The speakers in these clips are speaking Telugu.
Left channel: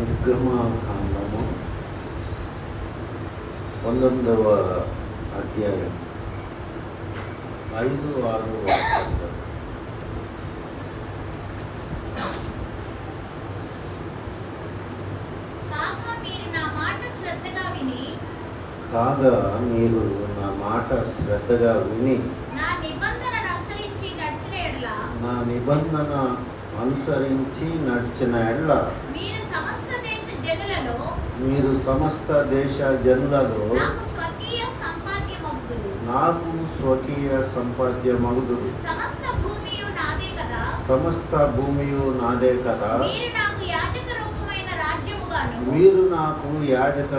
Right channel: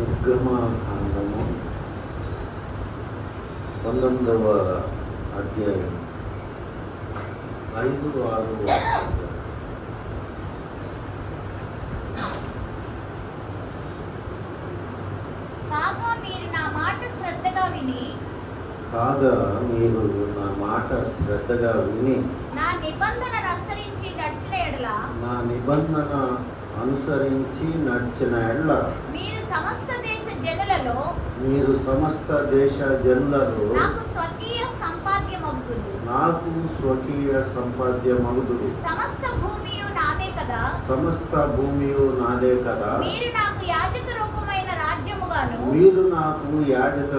నిర్గమకాండము 19వ అధ్యాయం 5, 6 వాక్యాలు. కాగా మీరు నా మాట శ్రద్ధగా విని నా నిబంధన అనుసరించి నడిచిన ఎడల మీరు సమస్త దేశ జనులలో నాకు స్వకీయ సంపాద్యమగుదురు. సమస్త భూమియు నాదే కదా. మీరు నాకు యాజక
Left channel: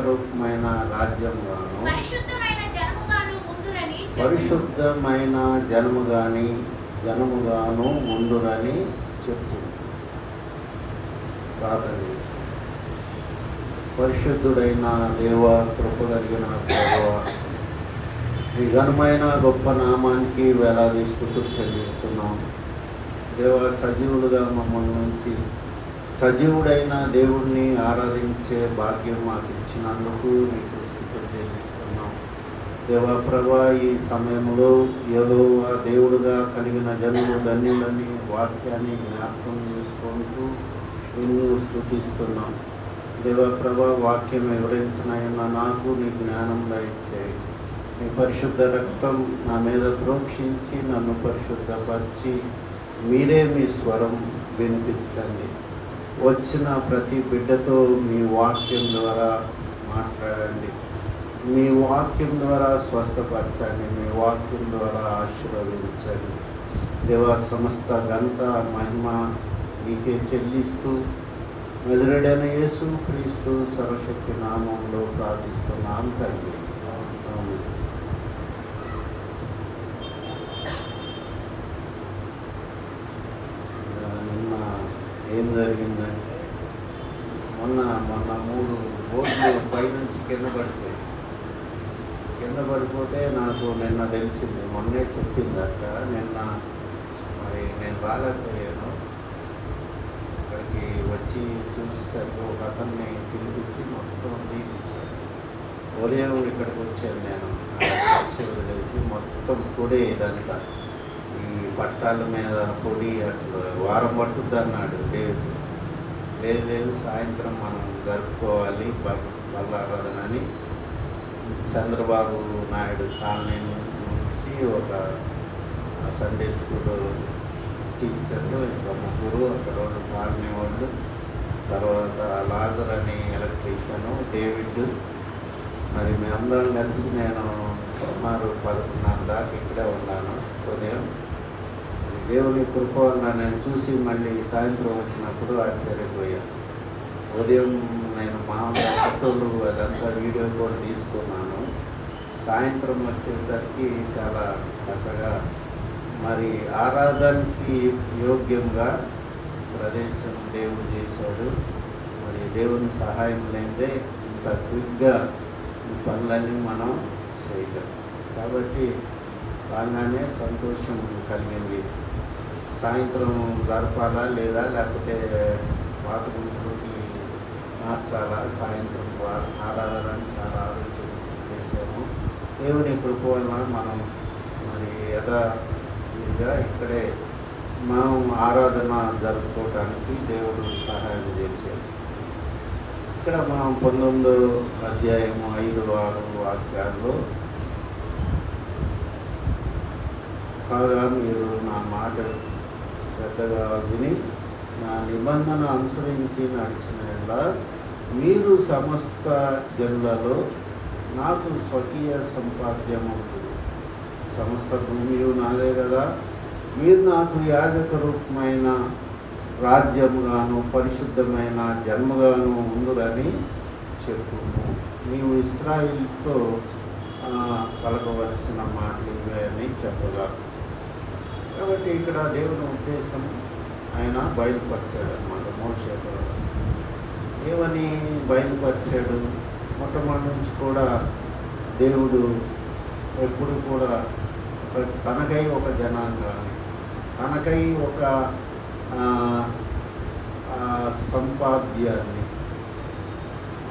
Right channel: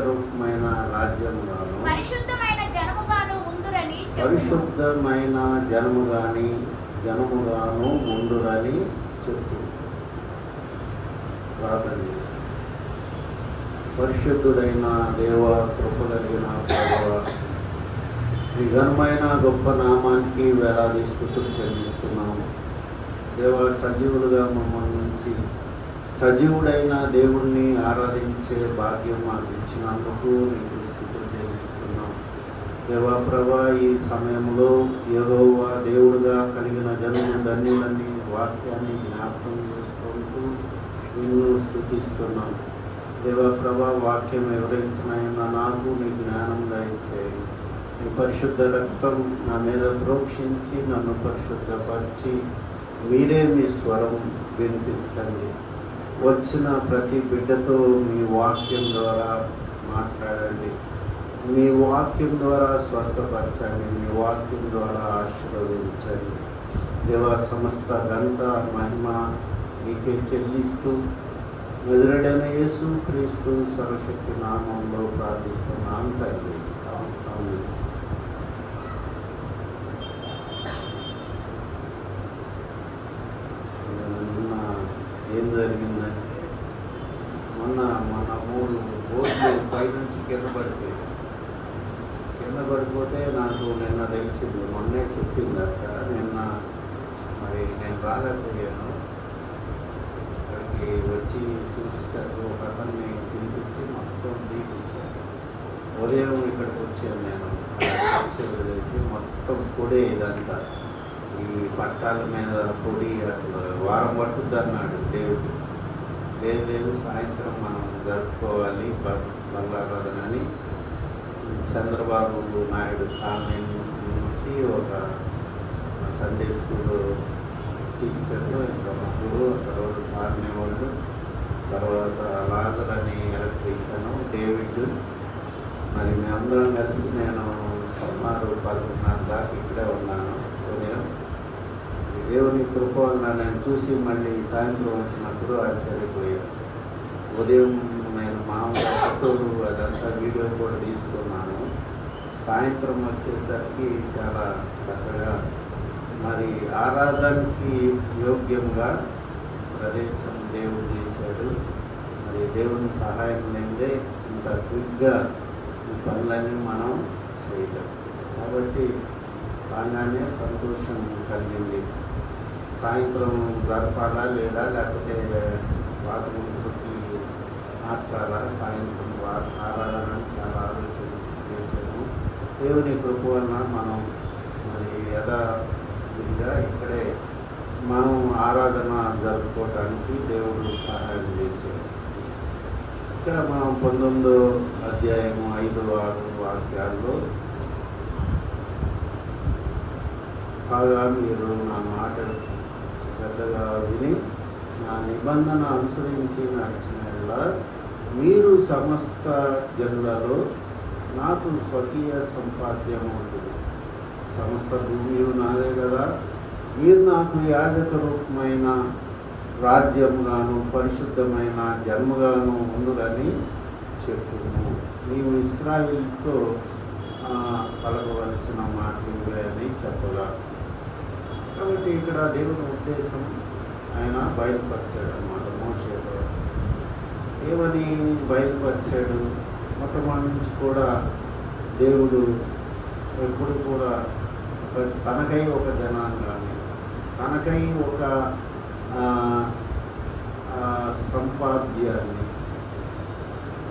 రూపమైన రాజ్యముగాను పరిశుద్ధమైన జనముగాను ముందురని చెప్పు. ప్రార్థన చేసి, పరిశుద్ధుడైన దేవ, కృప కలిగిన ప్రభువా, మీ ఘనమైన గొప్ప నామానికి వేలాది స్తుతులు చెల్లిస్తున్నాం. దేవ, సజీవులుగా మమ్మల్ని నుంచి సజీవుడైన దేవుణ్ణి ఆరాధించే భాగ్యం మాకు ఇచ్చినందుకు నీకు స్తుతులు చెల్లిస్తున్నాం. దేవా ప్రభా, ఈ సమయంలో యెహోవా దేవుడుగా కలిగిన జనులు ధన్యులని వాక్యాన్ని జ్ఞాపకం చేసుకుంటూ నిన్ను స్తుతిస్తున్నాం. దేవా ప్రభా, వాక్యం వివరించిన నాకు నీ జ్ఞానం దయచేయండి. నీ పరిశుద్ధ రక్తం నా మీద ప్రోక్షించి నన్ను పరిశుద్ధపరిచి మీరే మీ స్వరం వినిపించండి. వచ్చిన ప్రతి బిడ్డతో మీ వాక్యం ద్వారా మాట్లాడండి. మీ వాక్యం ద్వారా స్వస్థపరచండి. మీ వాక్యం ద్వారా ఆశీర్వదించండి. దేవా, సమస్త ఘనత మహిమ మీకే చెల్లిస్తూ ఎదురుడైన యేసు క్రీస్తు సర్వశక్తి నామంలో ప్రార్థిస్తున్నాను తండ్రి. ఏం జరిగిందంటే మొన్న 3 బోర్డులు పైనుంచి కింద పడిపోతే నాకు నిన్న తెలిసింది. మొన్నే చెప్పిందట. నిన్న మరి నేను రాలేకపోయాను. అక్కడికి వచ్చి చూసేసరికి ఒక అతన్ని పిలిపించి మొత్తం తీపించాను. ఉదయం ఇక్కడికి వచ్చాను నేను. చేసి మొత్తం పొడి ఇదంతా ఈ పట్టాల మీద పొడి అసలు వారం పట్టుద్ది అన్నాడు దేవుడు. లేదు సాయంత్రం మనం జరుపుకోవాలి బల్లారాధనని చంద్రబాబు నాయుడు కాలనీ నుంచి ఒక సండే స్కూల్ టీచర్లు, ఇంకా ముగ్గురు, తర్వాత మార్ని వాళ్ళు, తర్వాత లాజర్ అని ఎలక్ట్రీషియను, డేవిడ్, మరి మేమందరం కలిసి నేను సుమారు 11:30 దాకా ఇక్కడే ఉన్నాను. ఉదయం దేవుని కృప నేను చూసి మళ్ళీ సాయంత్రం వచ్చినప్పుడు ఆశ్చర్యపోయాను. ఉదయం నేను మహాపట్టులు అదంతా వీడియో కూడా తీసుకున్నాను. సాయంత్రం వచ్చేసరికి చాలా చక్కగా మరి ఆరాధనకి యోగ్యంగా ప్రదేశం దేవుడు చేశాడు. మరి దేవుని సహాయం లేదే ఇంత క్విక్గా ఈ పనులన్నీ మనం చేయలేం. కాబట్టి బాగానే సంతోషం కలిగింది. సాయంత్రం గడపాలా లేదా లేకపోతే వాతావరణానికి మార్చాలా, సాయంత్రం ఆరాధన చాలా ఆలోచన చేసాము. దేవుని కృప వలన మనం యథావిధిగా ఇక్కడే మనం ఆరాధన జరుపుకోవడానికి దేవుడు సహాయం చేశాడు. ఇక్కడ మనం 19వ అధ్యాయము 5, 6 వాక్యాల్లో కాగా మీరు నా మాట శ్రద్ధగా విని నా నిబంధన అనుసరించి నడిచిన మీరు సమస్త జనులలో నాకు స్వకీయ సంపాద్యమవుతుంది. సమస్త భూమియు నాదే కదా. మీరు నాకు యాజక రూపమైన రాజ్యముగాను పరిశుద్ధమైన జన్మగాను ఉండురని చెప్పుకుంటూ నీవు ఇశ్రాయేలుతో పలకవలసిన మాటలు అని చెప్పగా. కాబట్టి ఇక్కడ దేవుని ఉద్దేశం ఆయన బయలుపరిచాడు అన్నమాట. మోషేతో ఏమని బయలుపరిచాడు? మొట్టమొదటి నుంచి కూడా దేవుడు ఎప్పుడు కూడా తనకై ఒక జనాంగాన్ని, తనకై ఒక సంపాద్యాన్ని,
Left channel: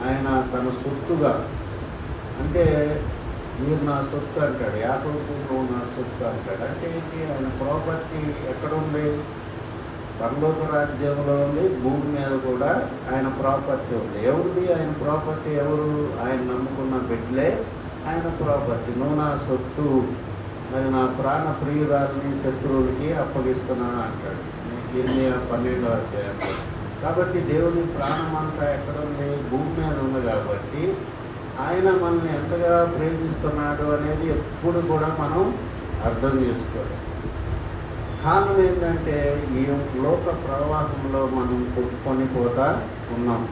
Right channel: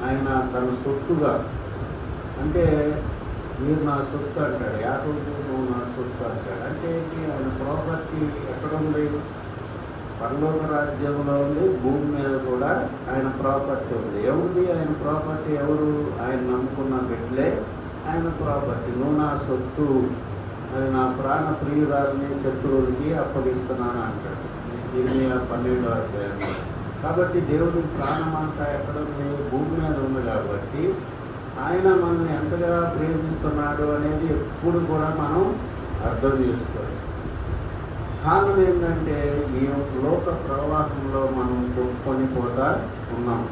ఆయన తన సొత్తుగా, అంటే మీరు నా సొత్తు అంటాడు, యాకోబు నువ్వు నా సొత్తు అంటాడు. అంటే ఏంటి? ఆయన ప్రాపర్టీ ఎక్కడ ఉంది? పరలోక రాజ్యంలో ఉంది, భూమి మీద కూడా ఆయన ప్రాపర్టీ ఉంది. ఏముంది ఆయన ప్రాపర్టీ? ఎవరు? ఆయన నమ్ముకున్న బిడ్డలే ఆయన ప్రాపర్టీ. నువ్వు నా సొత్తు, మరి నా ప్రాణ ప్రియురాలని శత్రువులకి అప్పగిస్తున్నాను అంటాడు ఇర్మియా 12వ అధ్యాయంలో. కాబట్టి దేవుని ప్రాణం అంతా ఎక్కడ ఉంది? భూమి మీద ఉంది. కాబట్టి ఆయన మనల్ని ఎంతగా ప్రేమిస్తున్నాడు అనేది ఎప్పుడు కూడా మనం అర్థం చేసుకోవాలి. కారణం ఏంటంటే ఈ లోక ప్రవాహంలో మనం కొనిపోతా ఉన్నాం.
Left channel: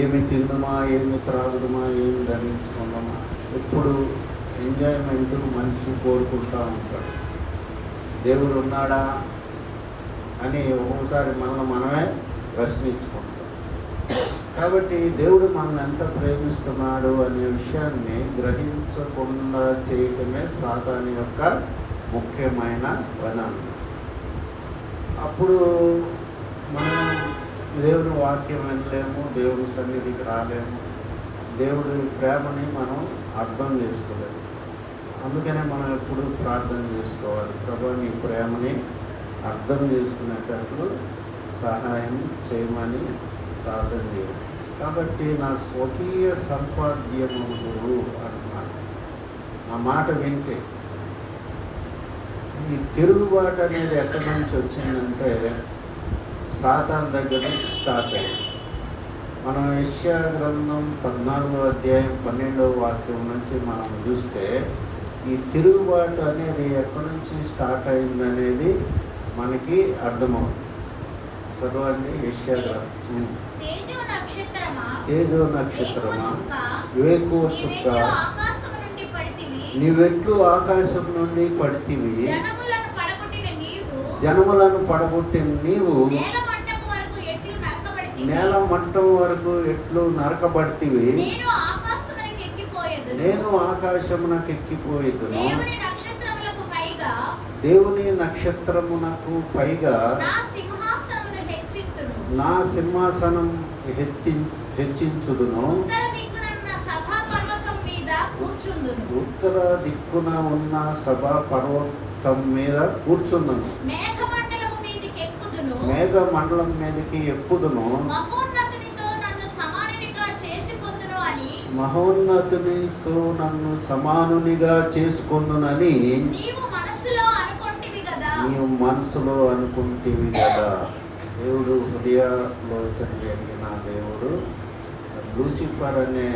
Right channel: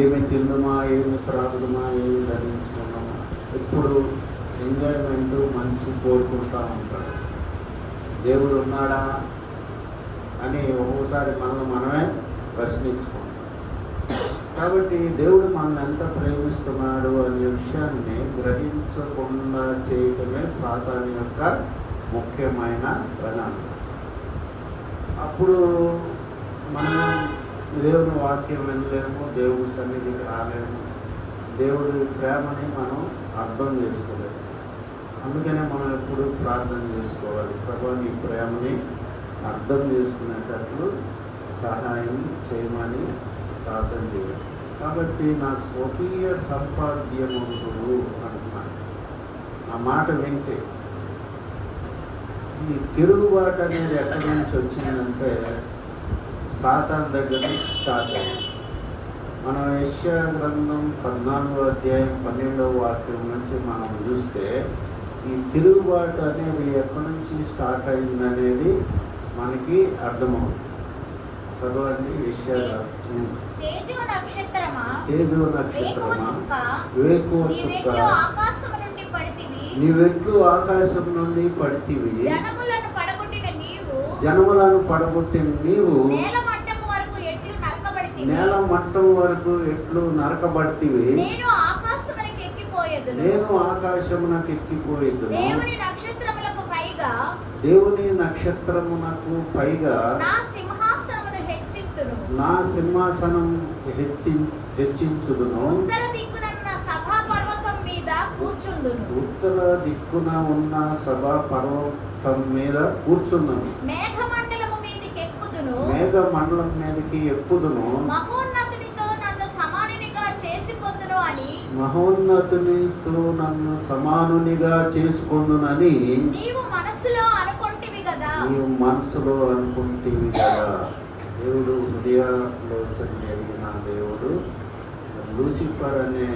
ఏమి తిందుమా, ఏమి త్రాగుమా, ఏమి ధరించుకున్నామా, ఎప్పుడు ఎంజాయ్మెంట్ మనిషి కోరుకుంటూ ఉంటాడు. దేవుడు ఉన్నాడా అని ఒక్కోసారి మనమే ప్రశ్నించుకుంటాం. కాబట్టి దేవుడు మనల్ని ఎంత ప్రేమిస్తున్నాడు అనే విషయాన్ని గ్రహించకుండా చేయటమే సాతాను యొక్క ముఖ్యమైన పని. అప్పుడు మనం దేవుని వాక్యం వినలేము, దేవుని సన్నిధికి రాలేము, దేవుడి ప్రేమని మనం అర్థం చేసుకోలేము. అందుకనే మనం ఎప్పుడు ప్రార్థన చేసుకోవాలి, ప్రభు నీ ప్రేమని అర్థం చేసుకునేటట్లు సహాయం చేయమని ప్రార్థన చేయాలి. కాబట్టి నా స్వకీయ సంపాద్యములు అంటున్నాడు. ఆ మాట వింటే ఈ తిరుగుబాటు అనేది ఎక్కడి నుంచి వచ్చిందంటే సాతాను దగ్గర నుంచి స్టార్ట్ అయింది. మనం యెషయా గ్రంథం 14వ అధ్యాయం 12వ వాక్యం నుంచి మనం చూస్తే ఈ తిరుగుబాటు అనేది ఎక్కడి నుంచి స్టార్ట్ అయింది అనేది మనకి అర్థమవుతుంది. చదవండి యెషయా గ్రంథం. తేజో నక్షత్రమా, వేకువ చుక్క, నీవెట్లు ఆకాశం నుండి పడితివి, జనములను పడగొట్టిన నీవు నేల మట్టం వరకు ఎట్లు నరకబడితివి, నేను ఆకాశమునకు ఎక్కిపోయేదు, దేవుని నక్షత్రమునకు పైగా నా సింహాసనం హెచ్చించుదును, ఉత్తర దిక్కున ఉన్న సభా పర్వతం మీద కూర్చున్నాను, మేఘ మండలం మీదకి ఎక్కుదును, మహోన్నతునితో నన్ను సమానునిగా చేసుకొందునని నీవు మనసులో అనుకుంటివి కదా. దేవుడు హృదయాలోచన జరిగిన దేవుడు లూసిఫర్ అనే,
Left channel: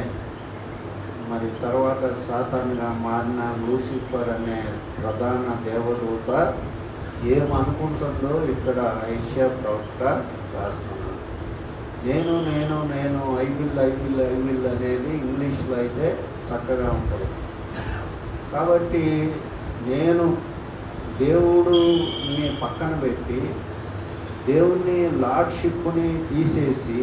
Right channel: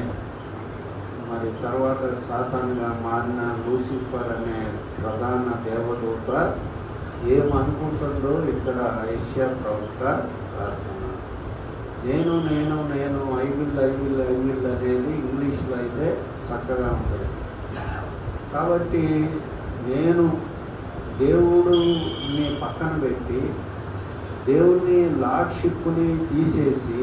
మరి తర్వాత సాతానుగా మారిన లూసిఫర్ అనే ప్రధాన దేవదూత ఏమనుకుంటుందో ఇక్కడ యెషయా ప్రవక్త రాస్తున్నాడు. నేను ఐ విల్ అనేది ఇంగ్లీష్లో అయితే చక్కగా ఉంటుంది. కాబట్టి నేను దేవుడిని పక్కన పెట్టి దేవుని లార్డ్షిప్ని తీసేసి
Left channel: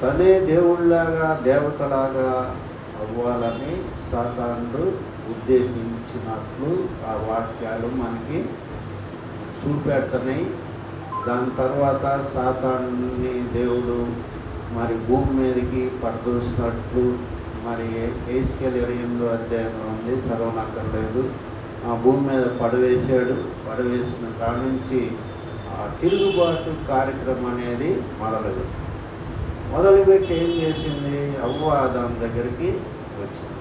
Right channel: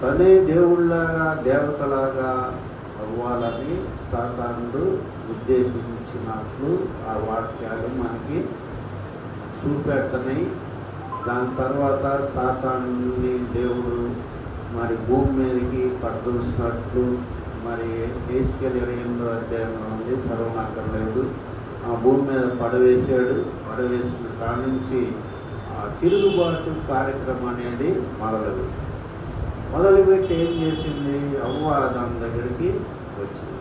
తనే దేవుళ్ళలాగా దేవతలాగా అవ్వాలని సాతానుడు ఉద్దేశించినట్లు ఆ వాక్యాలు మనకి చూపెడుతున్నాయి. దాని తర్వాత సాతానుని దేవుడు మరి భూమి మీదకి పడదోసినట్లు మరి హెజ్కేలు 28వ అధ్యాయం ఉంది, చదవనక్కర్లేదు. ఆ భూమి మీద పడవేసిన కాడి నుంచి ఆ తిరుగుబాటు కార్యక్రమం అనేది మొదలుపెట్టి ఏం చేసింది? అవ్వ ఆదాము దగ్గరికి వచ్చింది.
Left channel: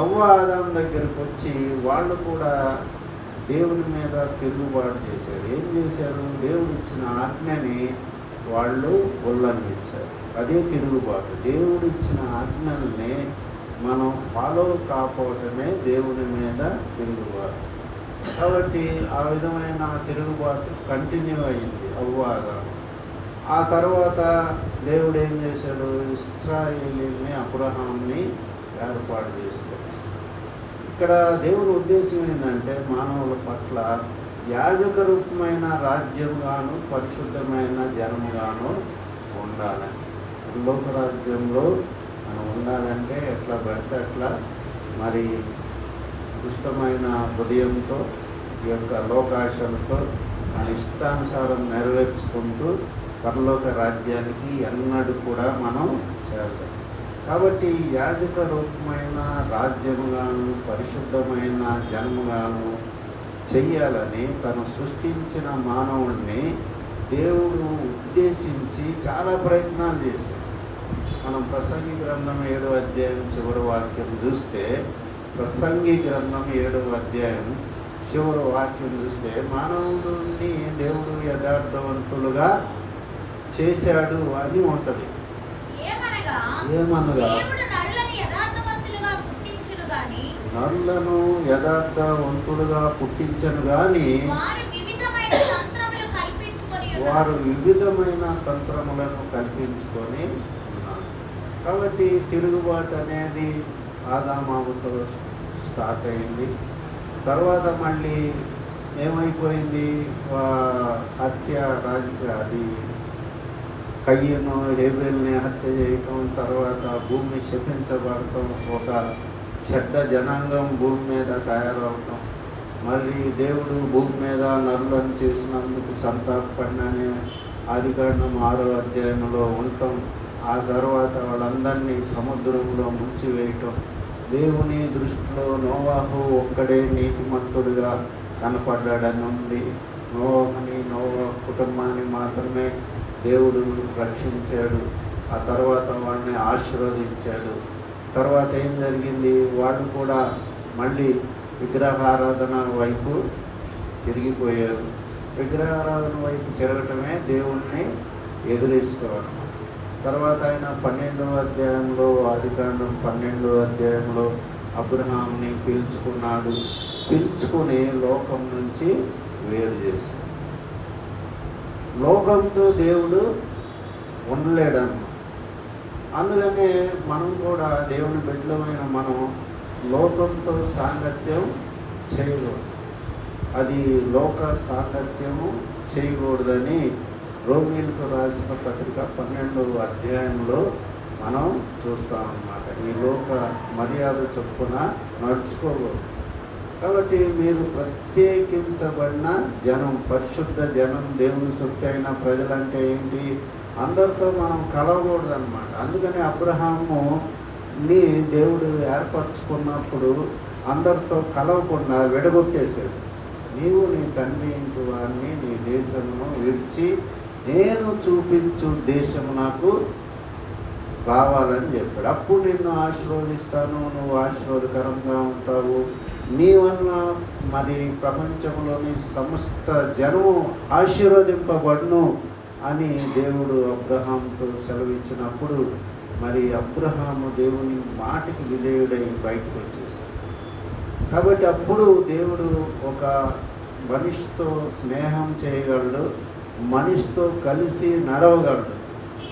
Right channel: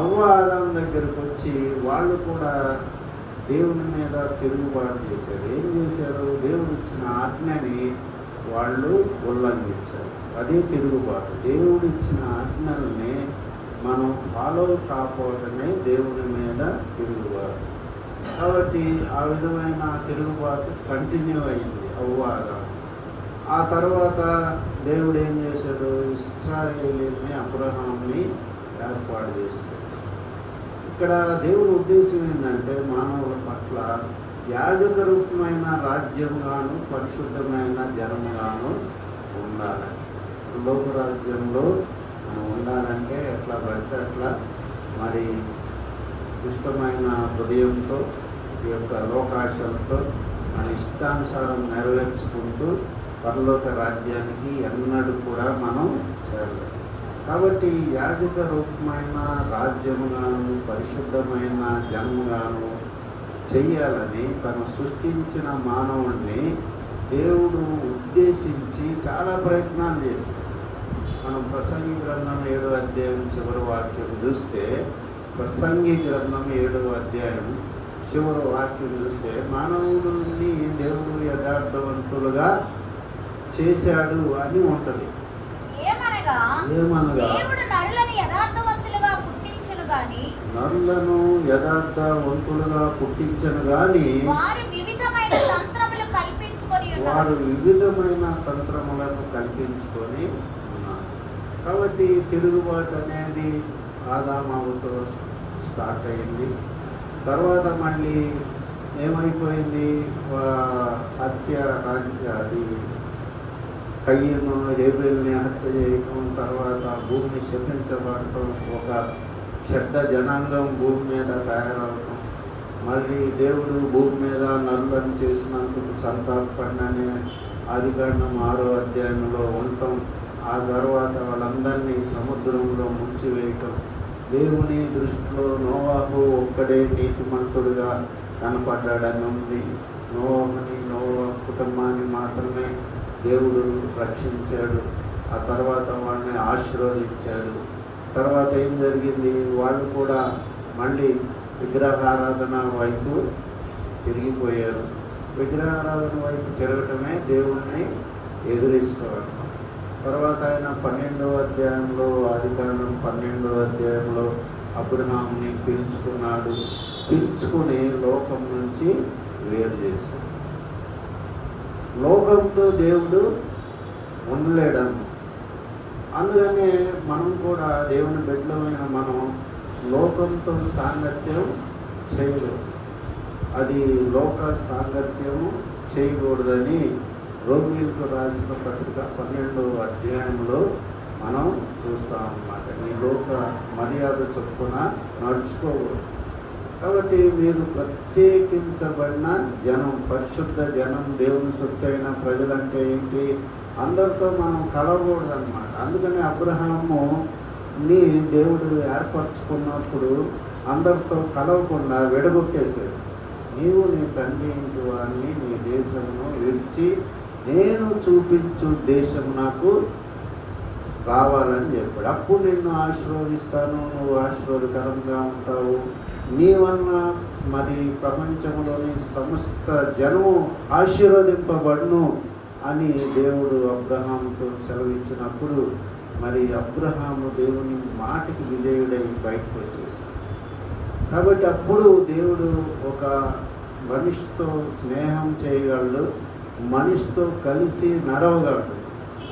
అవ్వ ఆదాము దగ్గరికి వచ్చి వాళ్ళు కూడా దేవుని మీద తిరుగుబాటు చేశారు. ఏం చేశారు? దేవుడు ఇచ్చిన ఆజ్ఞని వాళ్ళు ఉల్లంఘించారు. అదే తిరుగుబాటు. దేవుడు ఇచ్చిన ఆజ్ఞలని మనం ఫాలో కాకపోవటమే దేవుని మీద తిరుగుబాటు. కాబట్టి ఆ విధమైన తిరుగుబాటు కంటిన్యూ అయింది అవ్వ ఆదాము. ఆ తర్వాత దేవుడు ఏం చేశాడు? ఇశ్రాయేలీని, అబ్రహాముని ఏర్పాటు చేశాడు. ఇక్కడ దేవుని ఉద్దేశం ఏంటంటే మానవుల పట్ల యాజక రూపమైన రాజ్యంగాను పరిశుద్ధమైన జనముగాను ఉండాలి. లోక రాజ్యంలో మనం ఉండాలంటే ఎట్లా పడితే అట్లా మరి దుష్టమైన హృదయంతో ఈ యొక్క లోకాశంతో మన ఇష్టానుసారం నెరవేర్చుకుంటూ పరలోక రాజ్యానికి ఎన్నడూ కూడా మనం చేరలేం. కాబట్టి యాజక రూపమైన రాజ్యముగాను పరిశుద్ధమైన జన్మగాను చెయ్యాలని తను సృష్టించిన మానవుడిని దేవుడు ఉద్దేశించి చాలా ప్రయత్నాలు చేశాడు. మనం ప్రసంగి గ్రంథం 7వ అధ్యాయం చివరి వాక్యం చూస్తే, ప్రసంగి గ్రంథం 7వ అధ్యాయం చివరి వాక్యం చూస్తే, మానవుడిని దేవుడు యథార్థవంతులుగా చేశాడు అని ఉంటుంది. ఏమనగా ఏమనగా దేవుడు నరులను యథార్థవంతులుగా పుట్టించును గాని నరులను యథార్థవంతులుగా పుట్టించను గాని వారు వివిధమైన తంత్రములు కల్పించుకొని ఉన్నారు. వారు వివిధమైన తంత్రములను కల్పించుకొని ఉన్నారు. కాబట్టి తిరుగుబాటు అనేది ఆదామావుతో స్టార్ట్ అయింది. తర్వాత మళ్ళీ ఏమైపోయింది, హత్య అది కయ్యను హేబెల్ని హత్య చేయటం, తర్వాత భూమిని శపించబడటం, ఒక చెడ్డ జనాంగం భూమి మీద తయారవటం, మళ్ళీ దేవుడు భూమి మీద నరులను చేసినందుకు సంతాపడినని ఆదికాండం 6వ అధ్యాయంలో ఉండటం, ఆ తర్వాత వాళ్ళందరినీ సముద్రంలో ముంచివేయటం, దేవుని దృష్టిలో నోవాహు ఒక్కడే నీతిమంతుడుగా కనపడ్డాడని ఉంది. నోవాహుని కుటుంబాన్ని మాత్రమే దేవుడు రక్షించాడు. ఆ తర్వాత వాళ్ళని ఆశీర్వదించాడు. తర్వాత ఏం జరిగింది, వాళ్ళు కూడా మళ్ళీ విగ్రహారాధన వైపు తిరిగిపోయారు. విగ్రహారాధన వైపు తిరగటమే దేవుణ్ణి ఎదురేసుకోవడం. తర్వాత ఆయన 12వ అధ్యాయంలో ఆదికాండం 12వ అధ్యాయంలో అబ్రహాముని పిలుచుకున్నాడు. పిలుచుకుని లోకం నుంచి వేరు చేశాడు. లోకంతో దేవుడు ఉండలేడను. అందుకనే మనం కూడా దేవుని బిడ్డలమైన మనము లోకంతో సాంగత్యం చేయకూడదు. అది లోక సాంగత్యము చేయకూడదని రోమీయులకు రాసిన పత్రిక 12వ అధ్యాయంలో మనం చూస్తామన్నమాట. ఈ లోక మర్యాద చొప్పున నడుచుకోకూడదు. కాబట్టి మీరు ప్రత్యేకించబడిన జనం, పరిశుద్ధ జనం, దేవుని సొత్తైన ప్రజలంటే ఏంటి, అందరితో మనం కలవకూడదు అనమాట. అందుకని అబ్రహాముని దేవుడు ఏర్పరచుకున్నప్పుడు అందరితో కలవకుండా విడగొట్టేశాడు. నీవు నీ తండ్రి ఇంటి వారిని నీ దేశమును విడిచి నేను చూపించు దేశం నాకు రావాలని చెప్పాడు. అప్పుడు నిన్ను ఆశీర్వదిస్తాను, నువ్వు ఆశీర్వాదకరంగా ఉంటావు, నీ వల్ల మరి ప్రపంచంలోని సమస్త జనము ఆశీర్వదింపబడును అని దేవుడు అబ్రహాముతో సెలవిచ్చినప్పుడు మరి అబ్రహాము దేవుని మాటకి విధేయుడై బయటకు వచ్చేసాడు. కాబట్టి అప్పుడు దేవుడు ఒక మనిషితో స్నేహం చేయగలడు, మనిషితో కలిసి నడవగలడు.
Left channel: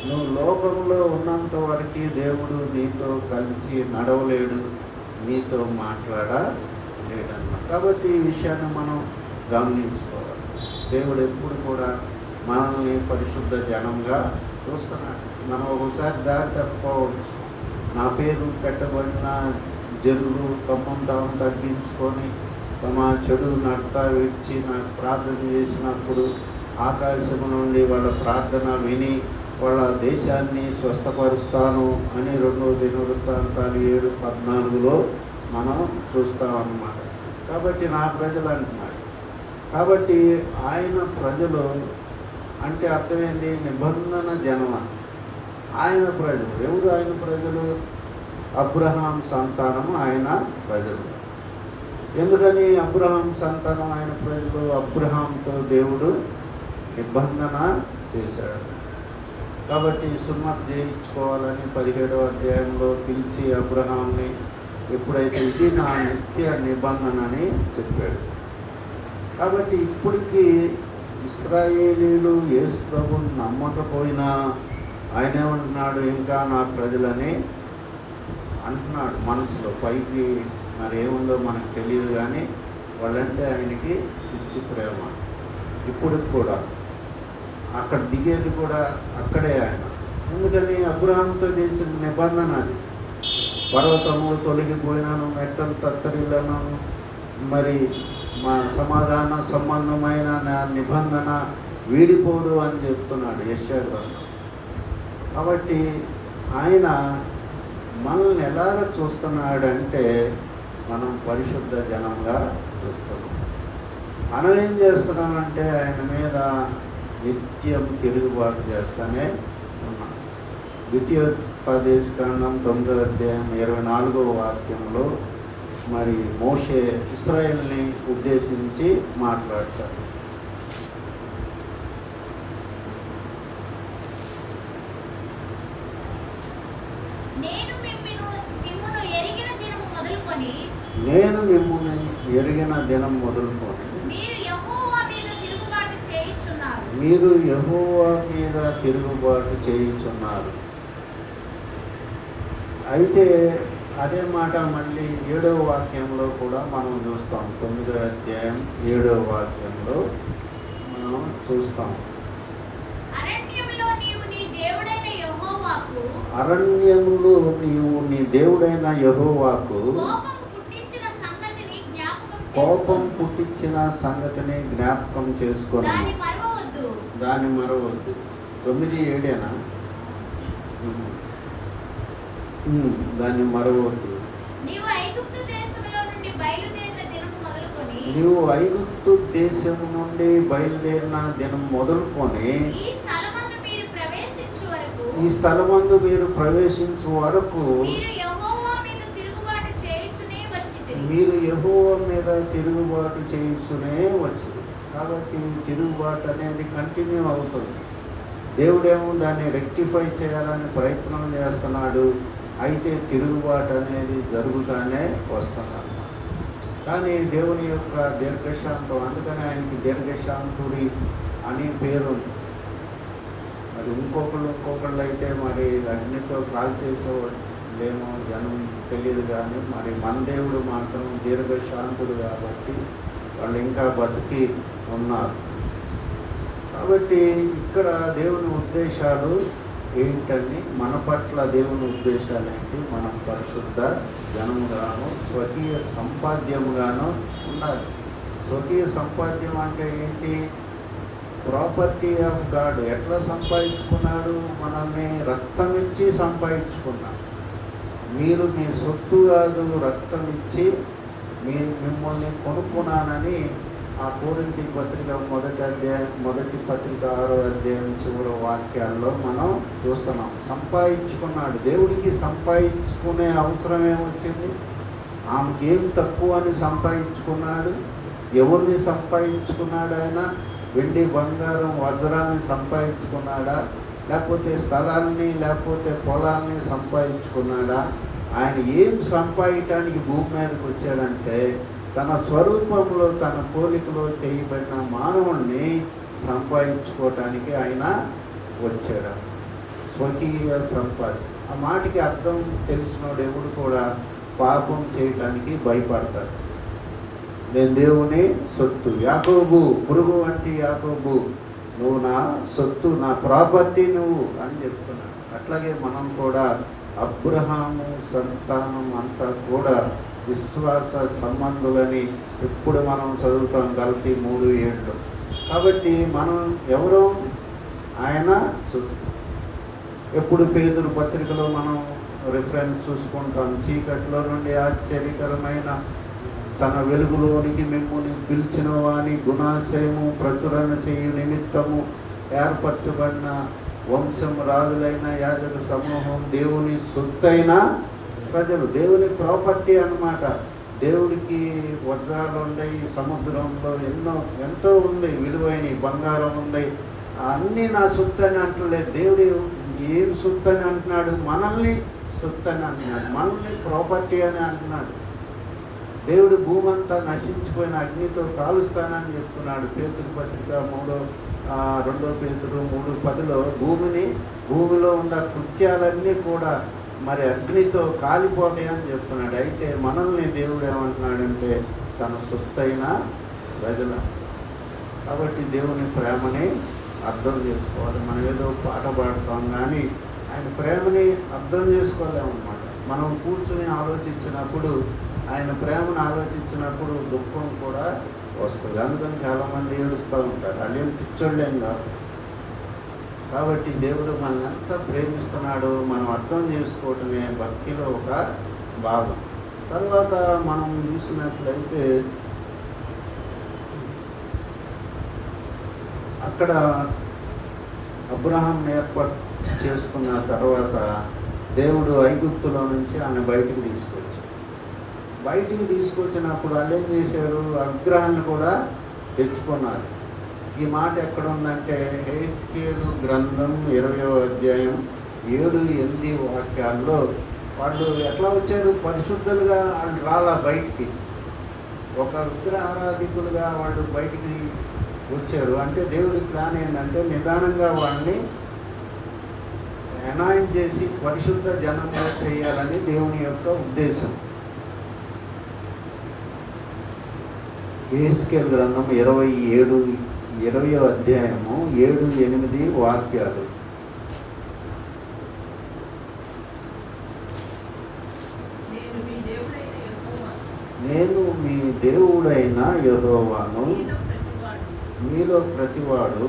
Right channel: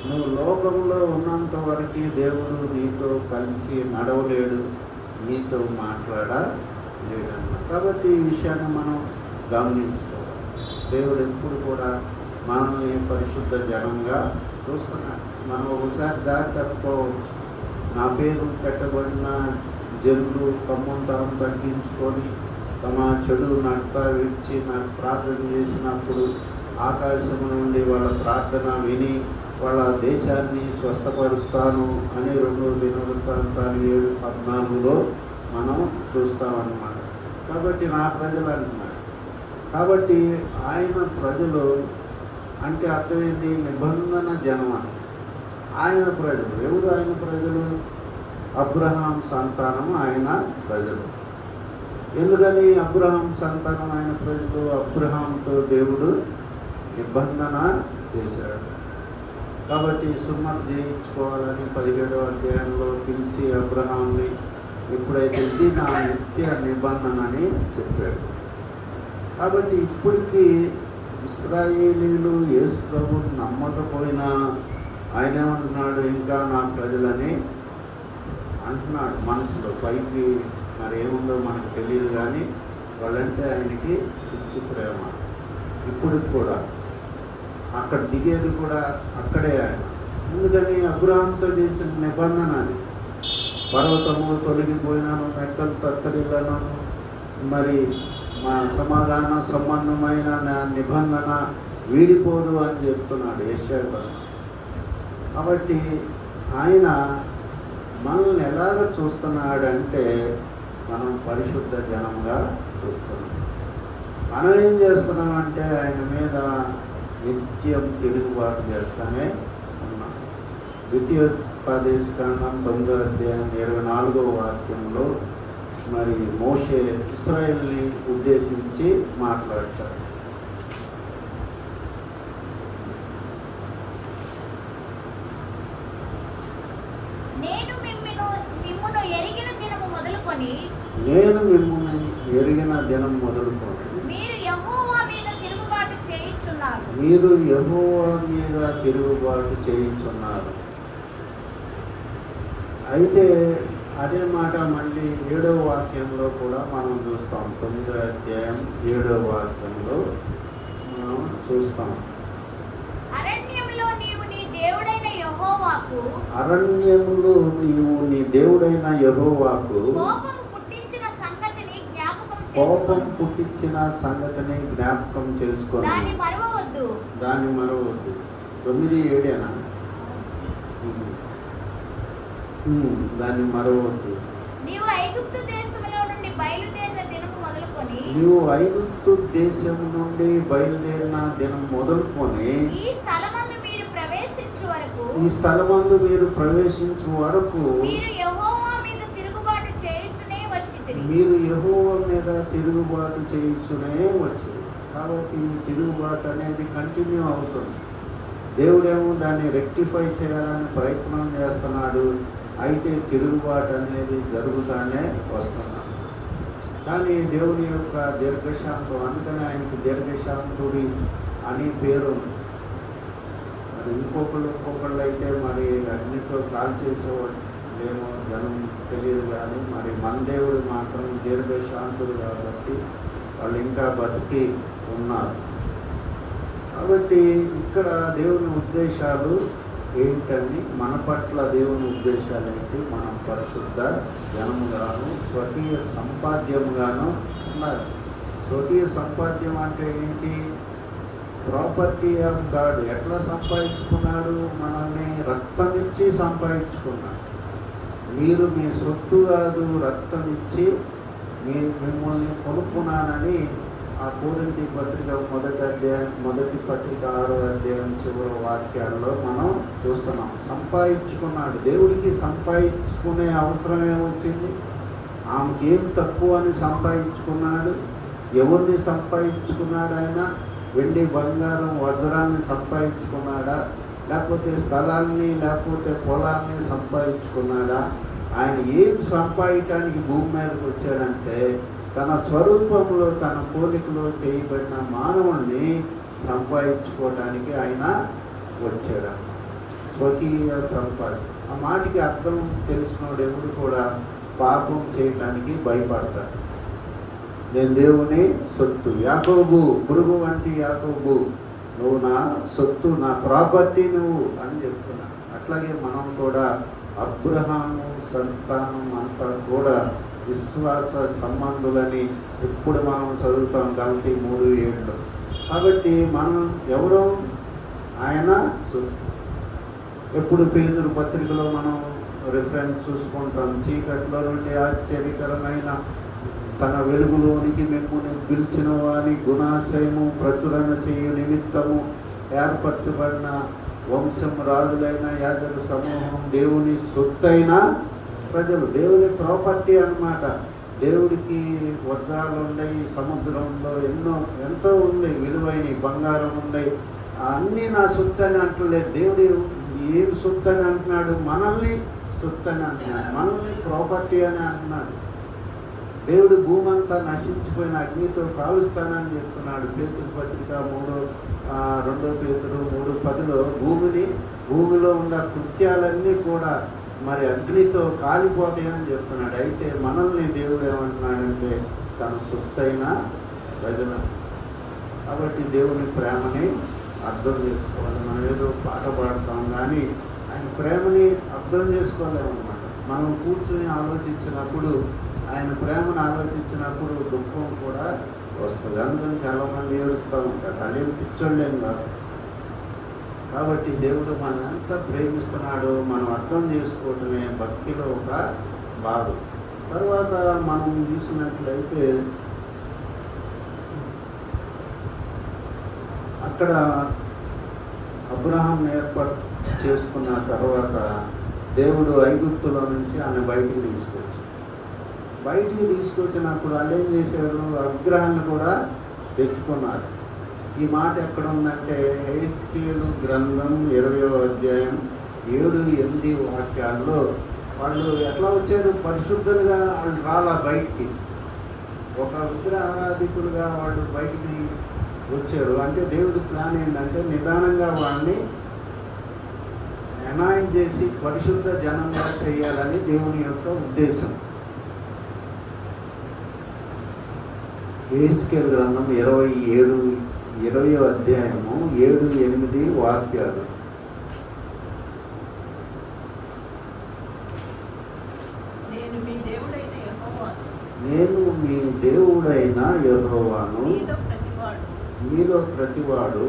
నువ్వు లోకంలో ఉన్నంత వరకు దేవుడు నీతో కలిసి నడవలేడు, నీతో మాట్లాడలేడన్నమాట. కాబట్టి ఈ విషయాన్ని మనం గమనించుకోవాలి. దేవుడు ఎప్పుడు కూడా మనల్ని పరిశుద్ధ జనంగా చూస్తున్నాడు. మనం ఒకసారి దారి తప్పుకోవచ్చు. నా పేరు పెట్టబడిన జనులు తమ్ముతాం తగ్గించుకొని తమ చెడు నడత విడిచి నాకు ప్రార్థన చేసినప్పుడు ఆకాశం నుండి వాళ్ళ ప్రార్థన విని వాళ్ళ దేశాన్ని స్వస్థపరుస్తాను అని 2వ దినవృత్తాంతాలు 7:14 మనం చూస్తామన్నమాట. కాబట్టి నా ప్రజలు అంటున్నారు. కాబట్టి ఆయన ప్రజలు అంటే అర్థమైంది, నిబంధన జనం. ఆయన ప్రజలు ఎవరు? ఆయన ప్రజలు అబ్రహాం సంతానం, ఆయన ప్రజలు. ఎందుకని అబ్రహాం సంతానం, ఆయన ప్రజలు? అబ్రహాంతో దేవుడు నిబంధన చేశాడు. కాబట్టి సున్నతి చేయించుకోవాలని 17వ అధ్యాయంలో పిలిచి అబ్రహాంని ఎప్పుడైతే ఇది నా నిత్య నిబంధన అని చెప్పాడు. కాబట్టి ఇప్పటికీ ఇశ్రాయేలీలు యేసు ప్రభువుని నమ్మకపోయినా ఆయనే ఉంటున్నాడు, ఇంకా నా ప్రజలని అంటున్నాడు మనసులో. పైకి మరి ఏముందో మనకు తెలియదు, కానీ వాళ్ళంటే ఆయనకి పిచ్చి ప్రేమ. ఇప్పుడు కూడా అక్కడ దిగేది కూడా అక్కడే ఆయన. ఎందుకని అబ్రహాంతో చేసిన నిబంధన అది. పర్వతములు తొలగిపోయినాను, మెట్టలు తత్తరిల్లను, మరి మా సమాధాన సంబంధమైన నా నిబంధన వీడిపోదు అని చెప్తున్నాడు యెషయా గారు. కాబట్టి ఆయన మనల్ని ఎలాగ చూస్తున్నాడంటే మనం పరిశుద్ధ జనంగా చూస్తున్నాం. మనం ఏం చేస్తున్నామంటే ఆయన మీద నిత్యం తిరుగుబాటు చేస్తూనే ఉన్నాం. ద్వితీయోపదేశకాండం 9వ అధ్యాయం 24వ వాక్యంలో మరి మోషే ఇశ్రాయేలుని ఉద్దేశించి మాట్లాడతాడు. నేను మిమ్మల్ని ఎరిగిన దినం మొదలుకొని మీరు యెహోవా మీద తిరుగుబాటు చేయుచున్నారు. అయితే అదే మాట మళ్ళీ 7వ వాక్యంలో కూడా మనం చూస్తాం. 9వ అధ్యాయం 7వ వాక్యంలో మనం చూస్తాం. అరణ్యములో నీవు నీ దేవుడైన యెహోవాకు కోపం పుట్టించిన సంగతిని జ్ఞాపకం చేసుకొని దాన్ని మరవద్దు. 9:7 దాన్ని మరవద్దు. నీవు ఐగుప్తు దేశము నుండి బయలుదేరిన దినం మొదలుకొని ఈ స్థలమందు మీరు ప్రవేశించు వరకు మీరు యెహోవా మీద తిరుగుబాటు చేయుచునే వచ్చింది. కాబట్టి తిరుగుబాటు అనేది కంటిన్యూ అవుతుంది. దేవుడేమో దాన్ని రెక్టిఫై చేయాలని ప్రయత్నం చేస్తున్నాడు. అయితే తిరుగుబాటు అనేది జరుగుతానే వస్తున్నాడు. కానీ దేవుని యొక్క దీర్ఘశాంతం, అందుకని ఆయనకి దీర్ఘశాంతుడి అని పేరు. మరి ఇంకొకళ్ళు అయితే మరి అగ్నితో కాల్చేసేవాళ్ళేమో జనం తెలియదు. కానీ మరి మన దేవుడు మాత్రం దీర్ఘశాంతుడు కాబట్టి వాళ్ళు ఇంకా బతికి ఉన్నారు. కాబట్టి ఇక్కడ దేవుని ఉద్దేశాలు ఏంటని, మన పట్ల దేవుని ఉద్దేశాలు ఏంటి? మనం పరిశుద్ధ జనముగాను స్వకీయ సంపాద్యముగాను ఉన్నారు. స్వకీయ సంపాద్యం అంటే ఏంటి? Property of God. ఎట్లా సంపాదించుకున్నాడు? మనల్ని రక్తం ఇచ్చి సంపాదించుకున్నాడు. మీరు మీ సొత్తు కాదు, రక్తం ఇచ్చి మిమ్మల్ని కొనుక్కున్నానని ఆ కొరింథీ పత్రిక మొదటి పత్రిక 6వ అధ్యాయం చివరి వాక్యాల్లో మనం చూస్తున్నాం. సంపాదించుకున్నాడు. దేవుడికి సంపాదించుకునే అవసరం ఏమొచ్చింది? ఆమెకి ఏం తక్కువ అని సంపాదించుకున్నాడు. ఎవరిని సంపాదించుకున్నాడు? ఆయన వెండి బంగారం వజ్రాన్ని సంపాదించుకున్నాడా? లేకపోతే స్థలాన్ని లేకపోతే పొలాన్ని సంపాదించుకున్నాడా? ఆయన ఏం సంపాదించడానికి భూమి మీదకి వచ్చాడంటే తన స్వరూపంలో తన పోలికలో చేయబడిన మానవుణ్ణి సంపాదించుకోవటానికి ఆయన వచ్చాడు. స్వకీయ సంపాదన. ఆ మాటకి అర్థం తెలిసినోడు ఎవడు కూడా పాపం చేయటానికి భయపడతాడు. నేను దేవుని సొత్తు, యాకోబు పురుగు వంటి యాకోబు, నువ్వు నా సొత్తు, నా ప్రాపర్టీ నువ్వు అని చెప్తున్నాను. అట్లాగే మనం కూడా అబ్రహాము సంతానం అంతా కూడా విశ్వాస సంబంధులని ఇప్పుడు మనం చదువుతాం గలతీ 3:7. కాబట్టి మనం ఎవరో ఆయన సొత్తు. ఎప్పుడు పేతురు పత్రికలో మనం రిఫరెన్స్ చూసుకుంటాం. చీకట్లో నుండి ఆశ్చర్యకరమైన తన వెలుగులోనికి మిమ్మల్ని పిలిచిన వాని గుణాశయము ప్రచురణ చేయు నిమిత్తము ఏర్పరచబడిన వంశం, రాజులైన యాజక సమూహం, దేవుని సొత్తైన ప్రజలు, దేవుని ప్రాపర్టీ అన్నమాట. దేవుడికి వజ్రాలు ఉన్నాయి, సముద్రంలో ఎంతో ఉంది, విలువైన బంగారం ఉంది, అన్నీ నా సొత్తు అని అంటలేదు. దేవుడు ఏం సొత్తు అని అంటున్నాడు? మనల్ని సొత్తు అని అంటున్నాడు, మనల్ని ప్రాపర్టీ అని అంటున్నాడు. దేవుడు భూమి అంతా నశించిపోయిన అగ్నితో కాలుస్తానని చెప్తున్నాడు. పేతురు పత్రిక 2 పేతురు 3:10లో భూమిలో ఉన్న కృత్యాలన్నీ కూడా మరి అగ్నితో కాలిపోతాయని చెప్తున్నాడు. అయితే మనల్ని దేవుడు ఏమంటున్నాడంటే తన సొత్తైన ప్రజలు. కాబట్టి దేవుని ప్రేమని అర్థం చేసుకోవాలి. మనం ఏదో పాట పాడతాం కానీ ఆయన ప్రేమని అర్థం చేసుకోలేమన్నమాట. మనం కూర్చుని ఆలోచించినప్పుడు, ఆయన ప్రేమను ఆలోచించినప్పుడు దుఃఖం కూడా వస్తుంది. అందుకని చాలామంది ఏడుస్తూ ఉంటారు. వాళ్ళేం పిచ్చోళ్ళేం కాదు. కాబట్టి దేవుడు మనల్ని ఎంత ప్రేమిస్తున్నాడో మనం అర్థం చేసుకోవటమే భక్తిలో ఒక భాగం. తర్వాత మనం చూసినట్లయితే అక్కడ అబ్రహాం ఏర్పాటు చేసుకున్న తర్వాత దేవుడు ఐగుప్తులో నుంచి ఆమె బయటికి తీసుకొచ్చినప్పుడు వాళ్ళు ఏం చేశారు? విగ్రహాన్ని కూడా తెచ్చుకున్నారు. ఈ మాట ఎక్కడ ఉందంటే హెస్కేలు గ్రంథం 20వ అధ్యాయం 7-8 వాక్యాల్లో వాళ్ళు ఎట్లా వచ్చారు? పరిశుద్ధులుగా వాళ్ళు రాలా బయటికి. ఒక విగ్రహారాధికులుగా వాళ్ళు బయటికి వచ్చారు. అంటే దేవుడి ప్లాన్ ఏంటంటే నిదానంగా వాళ్ళని అనాయింట్ చేసి పరిశుద్ధ జనంగా చేయాలని దేవుని యొక్క ఉద్దేశం. హెస్కేలు గ్రంథం 20వ అధ్యాయము 7-8 వాక్యాలు. నేను మీ దేవుడైన యెహోవాను, మీలో ప్రతివాడు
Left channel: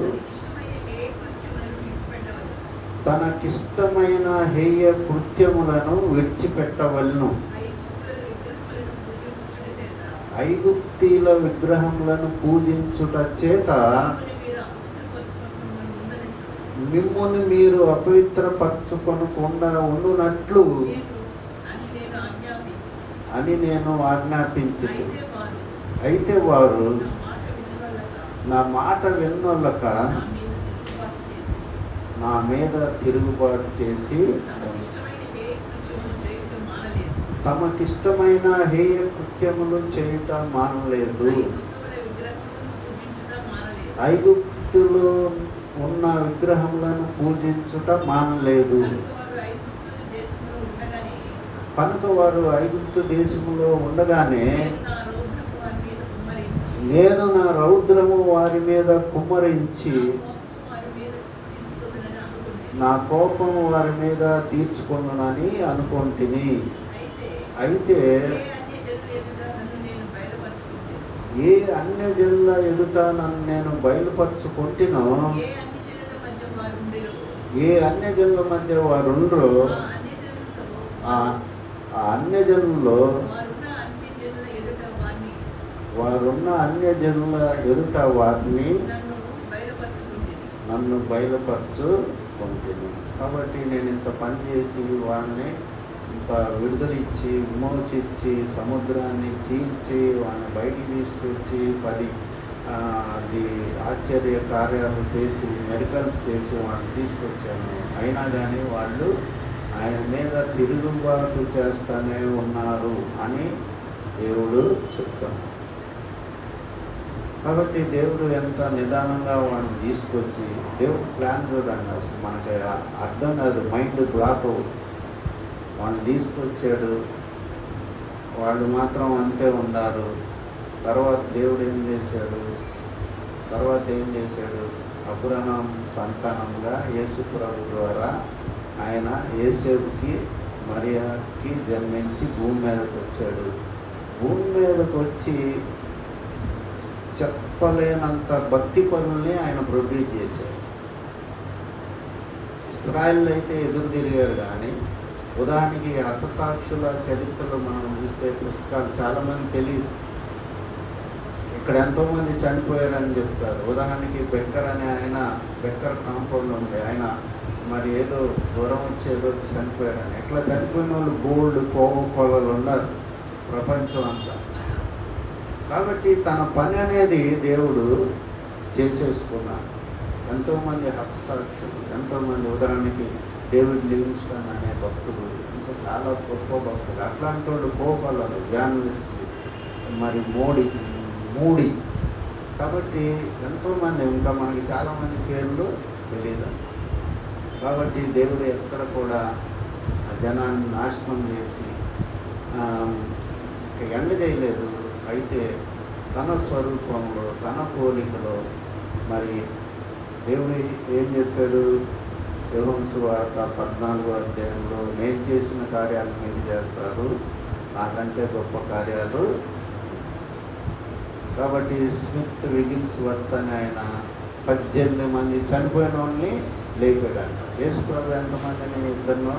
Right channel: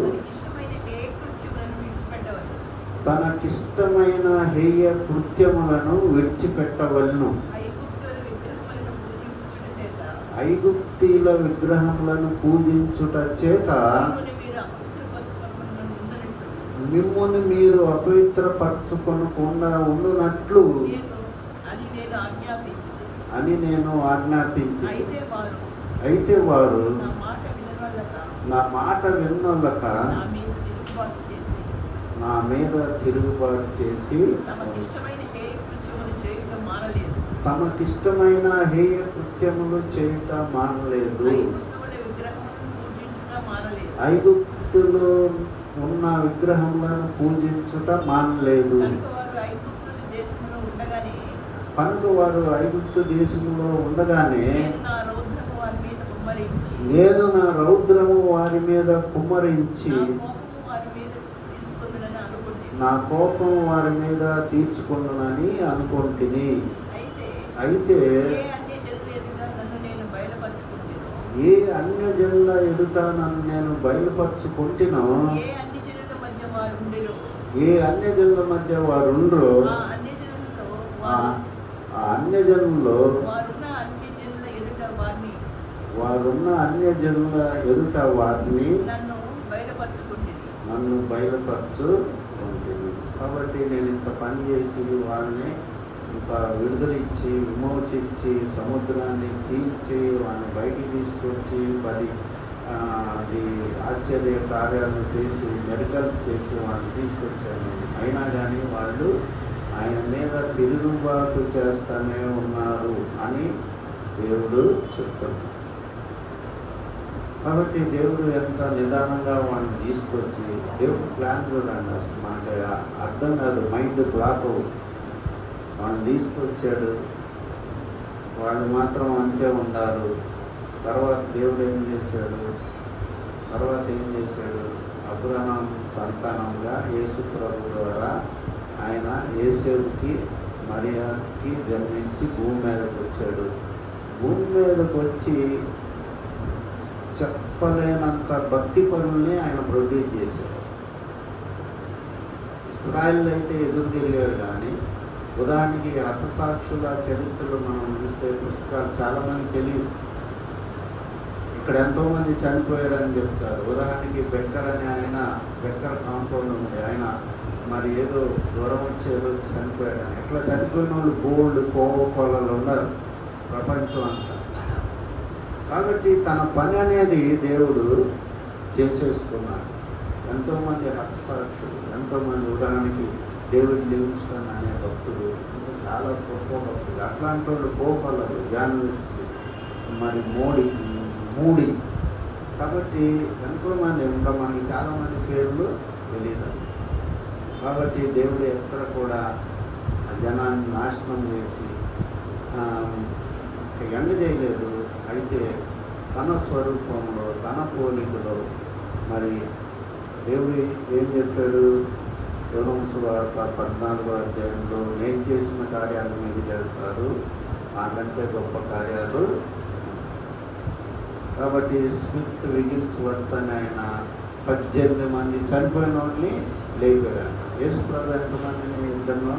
తనకిష్టమైన హేయ కృత్యములను విడిచిపెట్టవలను. ఐగుప్తీల విగ్రహములను పూజించుట చేత మిమ్ముని మీరు అపవిత్రపరచుకొనకుండా ఉండునట్లు అని నేను ఆజ్ఞాపించి, అయితే వారు నా మాట వినొల్లక నా మీద తిరుగుబాటు చేసి తమకిష్టమైన హేయ కృత్యములు చేయటం మానలేదు. ఐగుప్తులో ఉన్న విగ్రహములను పూజించుట మానలేదు. కనుక వారు ఐగుప్తు దేశములో ఉండగానే నేను నా రౌద్రము వారి మీద కుమ్మరించి నా కోపం వారి మీద తీర్చుకొనునని అనుకుంటుని. అయితే ఏ అన్యజనుల ఎదుట నన్ను నేను బయలుపరచుకుంటునో, ఏ అన్యజనుల మధ్య వారుండ్రో ఆ అన్యజనుల్లో వారున్న అన్యజనుల ఎదుట వారిని నన్ను బయలుపరచుకుంటుంది. కాబట్టి నేను ఇంత పని చేసి వాళ్ళని ఇంత విడుదలిచ్చి విమోచించి సముద్రాన్ని చీల్చి వాళ్ళని బయటికి తీసుకొచ్చి 10 ఆశ్చర్య కార్యాలు చేసి మెడికల్స్ చేసి వాళ్ళని తీసుకొచ్చాను. అయినా కానీ వాళ్ళు ఆయన మీద తిరుగుబాటు చేస్తూనే ఉన్నారు అని దేవుడు చెప్తున్నాడు. కాబట్టి దేవుడు ఎంత నిదానంగా వాళ్ళని తీసుకొచ్చి, దేవుడు ప్లాన్ చూడండి, అసలు మనకి అర్థం కాదు, మైండ్ బ్లాక్. వాళ్ళని తీసుకొచ్చాడు, వాళ్ళు మాత్రం అంతే ఉన్నారు. తర్వాత దేవుడు ఏం చేశాడు? అబ్రహాం సంతానంగా యేసు ప్రభు ద్వారా ఆయన యేసేపుకి మరియకి జన్మించి భూమి మీదకి వచ్చాడు. భూమి మీదకి వచ్చి చెప్పలేనంత భక్తి పనుల్ని ఆయన ప్రొడ్యూస్ చేశాడు. ఇస్రాయేల్ అయితే ఎదురు తిరిగారు, కానీ ఉదాహరణకి హతసాక్షుల చరిత్రలు మనం చూస్తే పుస్తకాలు చాలామంది తెలియదు. ఇక్కడ ఎంతోమంది చనిపోయారని చెప్తారు. ఉదాహరణకి బెక్కర్ అనే ఆయన, బెక్కర్ కాంపౌండ్ ఉంటే ఆయన మరి ఏదో జ్వరం వచ్చేదో చనిపోయాడని. ఇట్లా చనిపోయిన వాళ్ళు గోల్డ్ కోకోకోలలు ఉన్నారు ప్రపంచం అంతా. కాబట్టి తన పని అనేది దేవుడు చేసేసుకున్నాడు. ఎంతోమంది హతసాక్షులు, ఎంతోమంది, ఉదాహరణకి డేవిడ్ లివింగ్స్టన్ అనే భక్తుడు, ఇంకా చాలా గొప్ప భక్తులు. అట్లాంటి వాళ్ళు కోకోలలు, జాన్విస్లీ, మరి మూడి. కాబట్టి ఎంతోమంది, ఇంకా మనకి చాలామంది పేర్లు తెలియదు. కాబట్టి దేవుడు ఎక్కడ కూడా జనాన్ని నాశనం చేసి ఎండ చేయలేదు. అయితే తన స్వరూపంలో, తన పోలికలో మరి దేవుడు ఏం చెప్పాడు? యోహాను సువార్త 14వ అధ్యాయంలో, నేను చేసిన కార్యాలు మీరు చేస్తారు, నాకంటే గొప్ప కార్యాలు. కాబట్టి స్మిత్ విగిల్స్వర్త్ అని ఆయన 18 మంది చనిపోయిన వాళ్ళని లేపాడు. యేసుప్రభు ఎంతమందిని ఇద్దరినో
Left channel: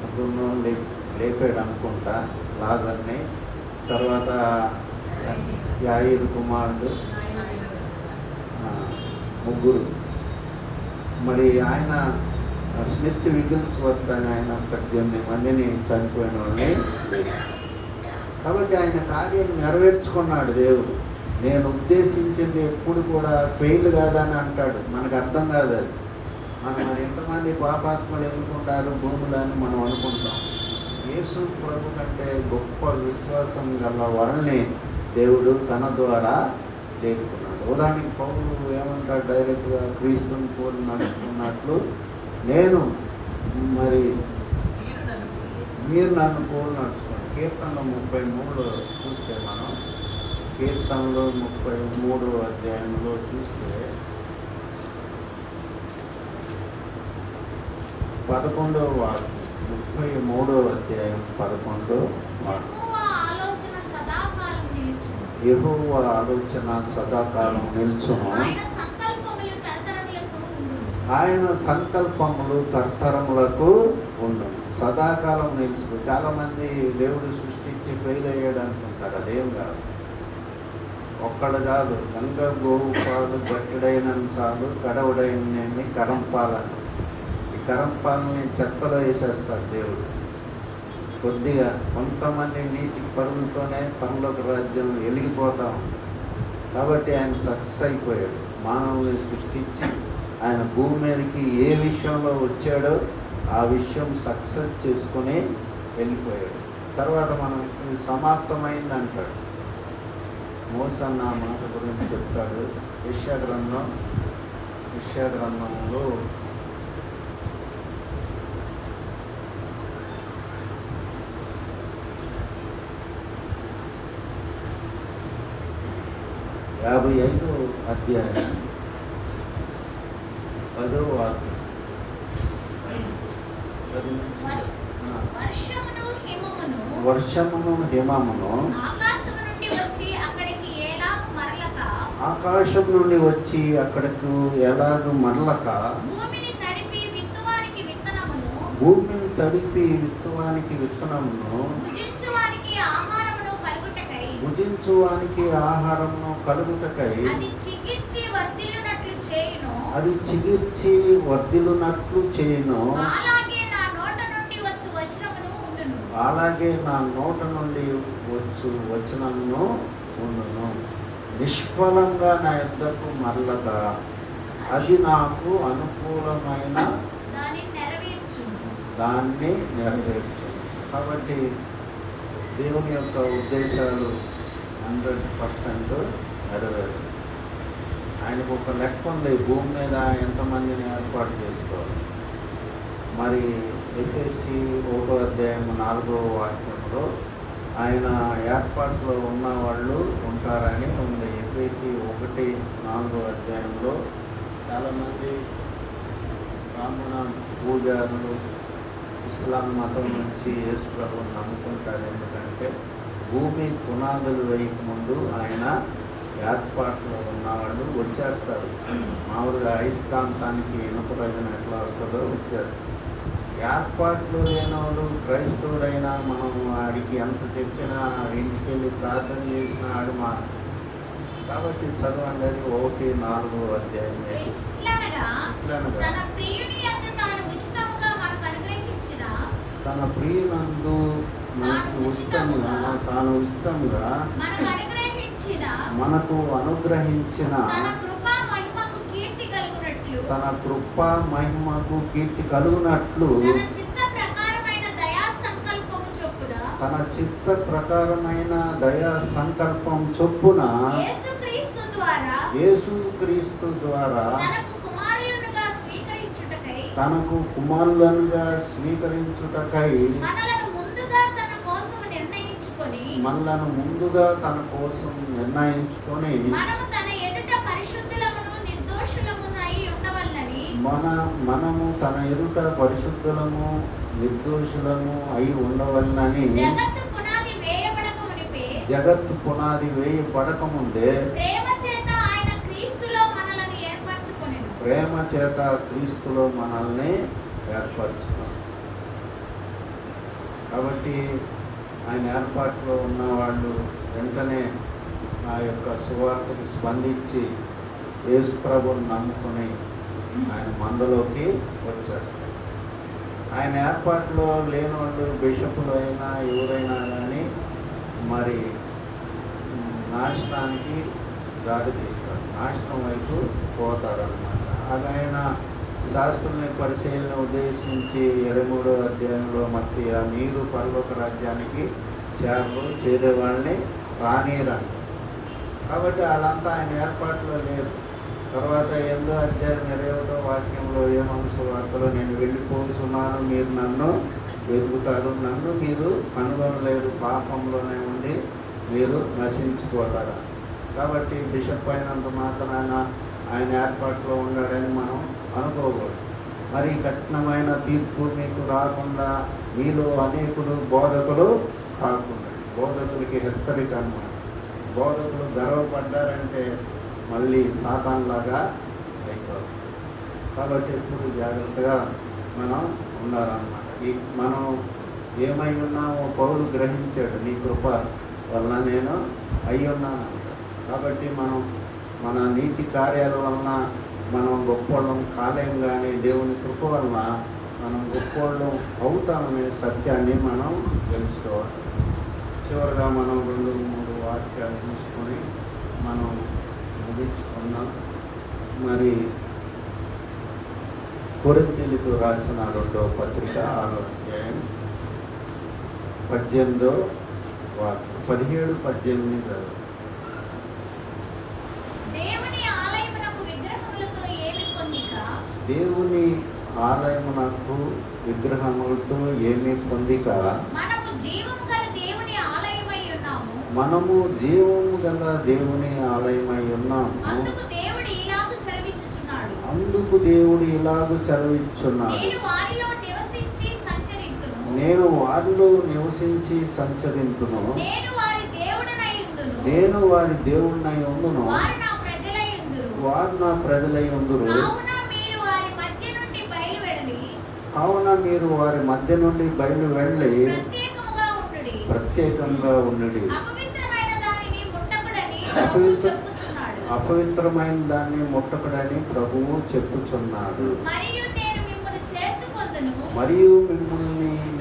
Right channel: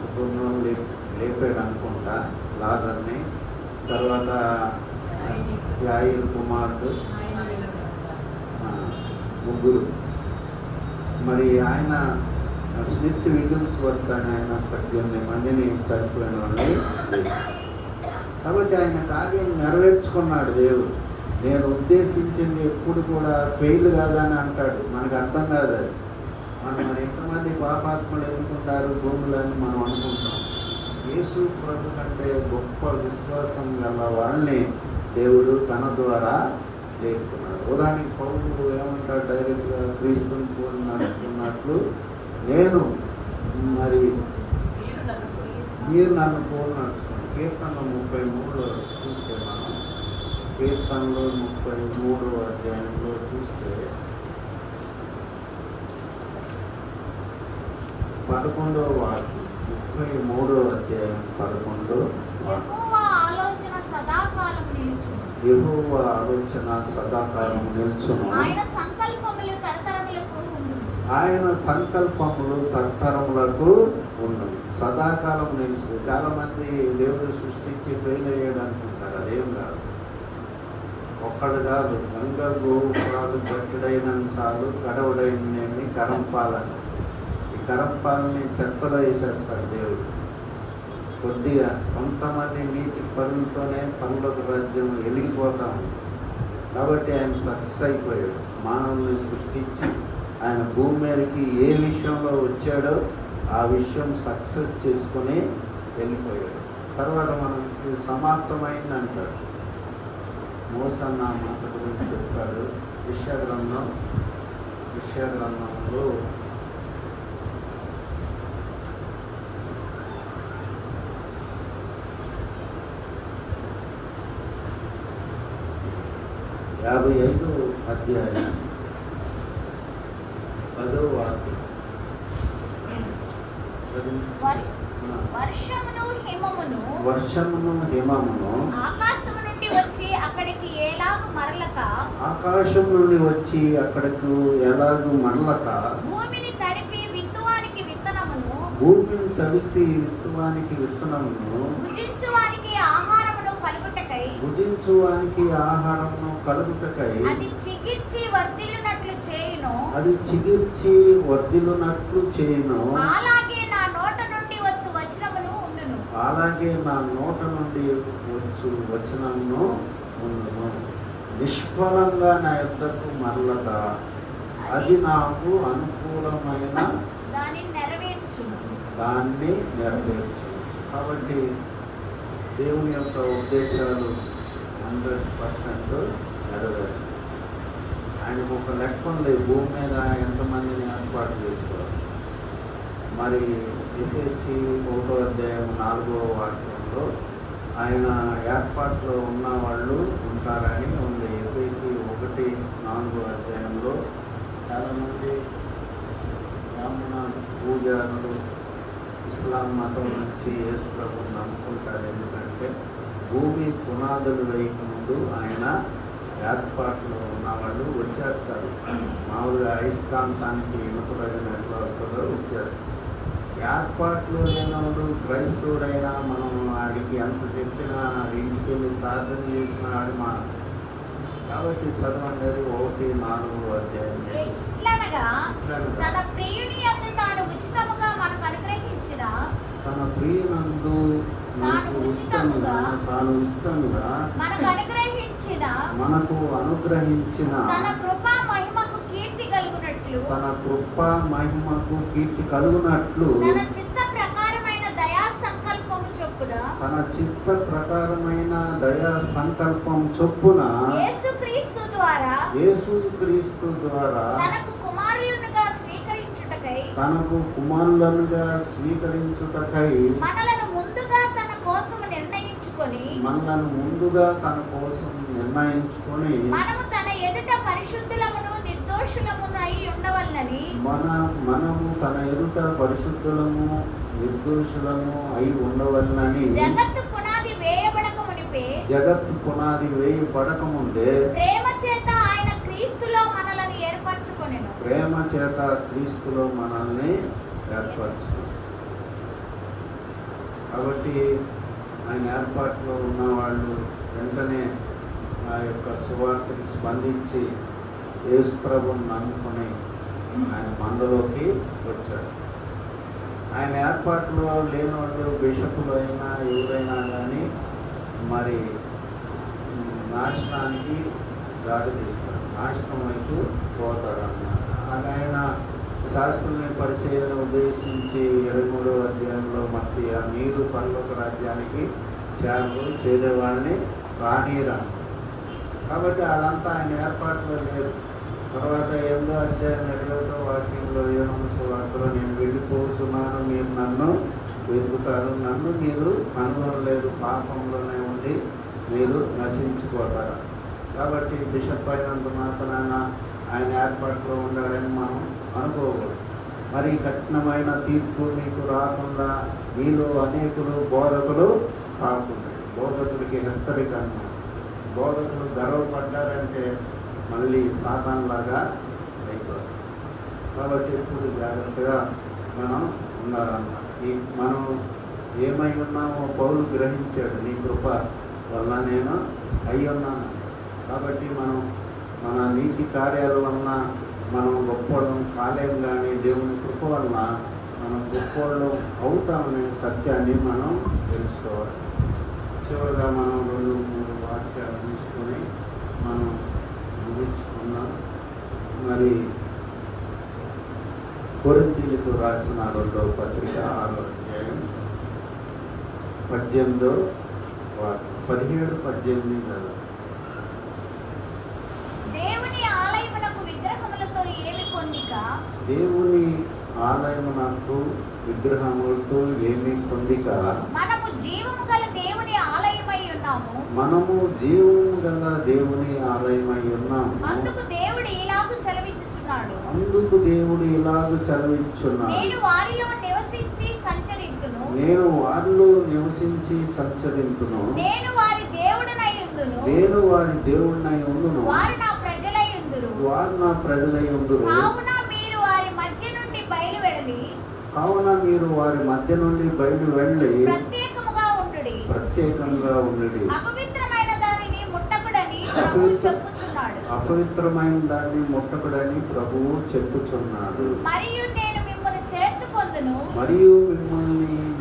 ముగ్గురునో లేపాడు అనుకుంటా, లాదర్ని. తర్వాత యాయిర్ కుమారుడు ముగ్గురు. మరి ఆయన స్మిత్ విగిల్స్వర్త్ అని ఆయన 18 మందిని చనిపోయిన వాళ్ళని లేపాడు. కాబట్టి ఆయన కార్యం నెరవేర్చుకున్నాడు దేవుడు. నేను ఉద్దేశించింది ఎప్పుడు కూడా ఫెయిల్ కాదని అంటాడు. మనకు అర్థం కాదు అది. మరి ఎంతమంది పాపాత్మలు ఎదుర్కొంటారు భూములని మనం అనుకుంటాం. యేసు ప్రభు కంటే గొప్ప విశ్వాసం గల వాళ్ళని దేవుడు తన ద్వారా లేపుతున్నాడు. ఉదాహరణకి పౌరులు ఏమంటాడు డైరెక్ట్గా క్రీస్తుని పూర్ణినట్లు, నేను మరి మీరు నన్ను పూర్ణించుకోండి. కీర్తనలో 33 చూస్తే మనం కీర్తనలో 33 అధ్యాయంలో చూస్తే 11వ వాక్యం, 33వ అధ్యాయం 11వ వాక్యం. యెహోవా ఆలోచన సదాకాలము నిలుచును, ఆయన సంకల్పములు తరతరములకు ఉండును. సదాకాలం నిలుచు. చాలా మంది దేవుడు సృష్టించి ఫెయిల్ అయ్యాడు అనుకుంటారు. అదేం కాదు. ఒక్కడు కాదు, గంగ గోవు కాదు, గట్టిడైన చాలు, గడవుడైన కరంపాలను. ఈ కరంపాలని చెత్తలో వేసేస్తాడు దేవుడు. కొద్దిగా కొంతమంది నీతి పరులతోనే పనులకు రాజ్యం వెలిగిపోతా ఉంది. కాబట్టి ఆయన సక్సెస్ అయిపోయాడు. మానవుని సృష్టించి ఆయన భూమి మీదకి ఏ విషయంలో వచ్చాడో ఆ విషయం సక్సెస్ చేసుకుని వెళ్ళిపోయాడు. తర్వాత మనం ఇది సమాప్తమైంది అంటాడు. మోసన్న మనకు గురించి చెప్తాడు. యెషయా గ్రంథంలో 55వ అధ్యాయం 10వ వాక్యం. వర్షమును హిమమును ఆకాశం నుండి వచ్చి అక్కడికి ఎలాగూ మరలక భూమిని తడిపి విత్తువానికి విత్తనమును భుజించువానికి ఆహారమును కలుగుటకై అది చిగిర్చి వర్ధిల్లునట్లు చేయును. అలాగే నా నోట నుండి వచ్చు వచనమును ఉండును. నిష్ఫలంగా నా యొద్దకు మరలగా అది నాకు అనుకూలమైన దాన్ని నెరవేర్చు. కాబట్టి దేవుని యొక్క ఉద్దేశాలు 100% నెరవేరు. ఆయనకు ఒక లెక్క ఉంది, భూమి మీద ఎంతమందిని ఏర్పాటు చేసుకోవాలి. మరి ఎఫెసీ 1వ అధ్యాయం 4వ వాక్యంలో ఆయన ఏర్పాట్లో ఉన్న వాళ్ళు ఉంటారని ఉంది. ఎఫెసీ 1:4వ అధ్యాయంలో చాలామంది బ్రాహ్మణ పూజారులు ఇస్లాం మతం నుంచి యేసు ప్రభువుని నమ్ముకుంటారు. ఎందుకంటే భూమి పునాదులు వేయక ముందు ఆయన ఏర్పాట్లు ఉన్నవాళ్ళు వచ్చేస్తారు. మామూలుగా అయస్కాంతానికి ఇనుప రోజున ఎట్లా వస్తుందో వచ్చేస్తారు. ఏర్పాట్లు లేనివాడు క్రైస్తవుడైనా మనం వాడికి ఎంత చెప్పినా ఇంటికి వెళ్ళి ప్రార్థన చేసిన వాడు మా. కాబట్టి చదవండి 1:4వ అధ్యాయం. తన ప్రియునందు తాను ఇష్టంగా మనకు అనుగ్రహించిన తన కృపా మహిమకు కీర్తి కలుగునట్లు తన చిత్త ప్రకారమైన దయా సంకల్పం చొప్పున యేసుక్రీస్తు ద్వారా తనకు కుమారులుగా స్వీకరించుటకై మనలను ముందుగా తన కోసం నిర్ణయించుకొని మనము తన ఎదుట పరిశుద్ధులమును నిర్దోషులమునై ఉండవలెనని మనము తన ఎదుట పరిశుద్ధులము నిర్దోషులము అయి ఉండవలెనని జగత్తు పునాది వేయబడక మునిపే జగత్తు పునాది వేయబడకముందే ప్రేమ చేత ఆయన క్రీస్తులో మనలను ఏర్పరచుకొనెను. ప్రేమ చేత క్రీస్తులో మనల్ని ఏర్పరచుకున్నాడు. కాబట్టి ఆయన ఏర్పాటులో ఉన్నవాళ్ళు వెంటనే ఆ యొక్క సువార్తకి స్పందించి యేసు ప్రభువుని నమ్ముకుని ఆయన మందలోకి వచ్చేస్తారు. ఆయన ఏర్పాటులో లేని వాళ్ళు బిషపులు అయినా ఎవరైనా కానీ మరి నాశనానికి దారి తీస్తారు, నాశనం వైపు పోతారు అన్నమాట. అది ఆయన శాస్త్రుని పరిశీలన ఉద్దేశించి 23వ అధ్యాయంలో మధ్య మీరు పరలోక రాజ్యానికి చేరే వాళ్ళని రానియరం. కాబట్టి అదంతా ఆయన ఏర్పాటులో లేదు. తర్వాత 8వ అధ్యాయం 21వ వాక్యంలో యోహాను సువార్తలో నేను వెళ్ళిపోతున్నాను, మీరు నన్ను వెతుకుతారు, నన్ను మీరు కనుగొనలేదు, పాపంలోనే ఉండి మీరు నశించుకోతారు. కాబట్టి బిషప్ అయినంత మాత్రాన ఆయన ఏర్పాటులో ఉన్నాడని మనం అనుకోకూడదు. మరి కఠినమైన తీర్పు మీకు రాకుండా మీలో అనేకులు బోధకులు కాకుండా, బోధకులకి హెచ్చరిక అన్నమాట. బోధకులు గర్వపడ్డారంటే మళ్ళీ సాతాన్లాగా అయిపోతారు. కాబట్టి ఎప్పుడు జాగ్రత్తగా మనం ఉండాలన్నమాట. మనం ఏమై ఉన్నామో పౌలు గ్రహించాడు, నీ కృప వల్ల నేను అయి ఉన్నాను. కాబట్టి మనం మన నీతి కార్యాల వలన మనం గొప్పడం కాలేం, కానీ దేవుని కృప వలన మనం గొప్పడం అవుతామనే సత్యాన్ని మనం తెలుసుకోవాలి. చివరిగా మనం 2-3 వాక్యాలు చూసుకొని మనం ముగించుకున్నాం. మరి కొరింథీయులకు రాసిన 2వ పత్రిక 6వ అధ్యాయం 18వ వాక్యం 17-18 చదువు. దేవుని ఆలయమునకు విగ్రహములతో ఏమి పొందిక? దేవుని ఆలయమునకు విగ్రహములతో ఏమి పొందిక? మనము జీవము గల దేవుని ఆలయమై ఉన్నాము. మనము జీవము గల దేవుని ఆలయమై ఉన్నాము. అందుకు దేవుడు ఇలాగు సెలవిచ్చుచున్నాడు. అందుకు దేవుడు ఇలాగు సెలవిచ్చున్నాడు. నేను వారిలో నివసించి సంచరింతును. నేను వారిలో నివసించి సంచరింతును. నేను వారి దేవుడనై ఉందును. నేను వారి దేవుడినై ఉండును. వారు నా ప్రజలై ఉందురు. వారు నా ప్రజలై ఉందురు. కావున మీరు వారి మధ్య నుండి బయలువెళ్ళి బయలు వెళ్ళి ప్రత్యేకముగా ఉండుడి. ప్రత్యేకంగా ఉండుడి. అపవిత్రమైన దానిని ముట్టకుడని ప్రభువు చెప్పుచున్నాడు. అపవిత్రమైన దాన్ని ముట్టకుడని ప్రభువు చెప్పుచున్నాడు. మరియు నేను మిమ్మల్ని చేర్చుకొందును.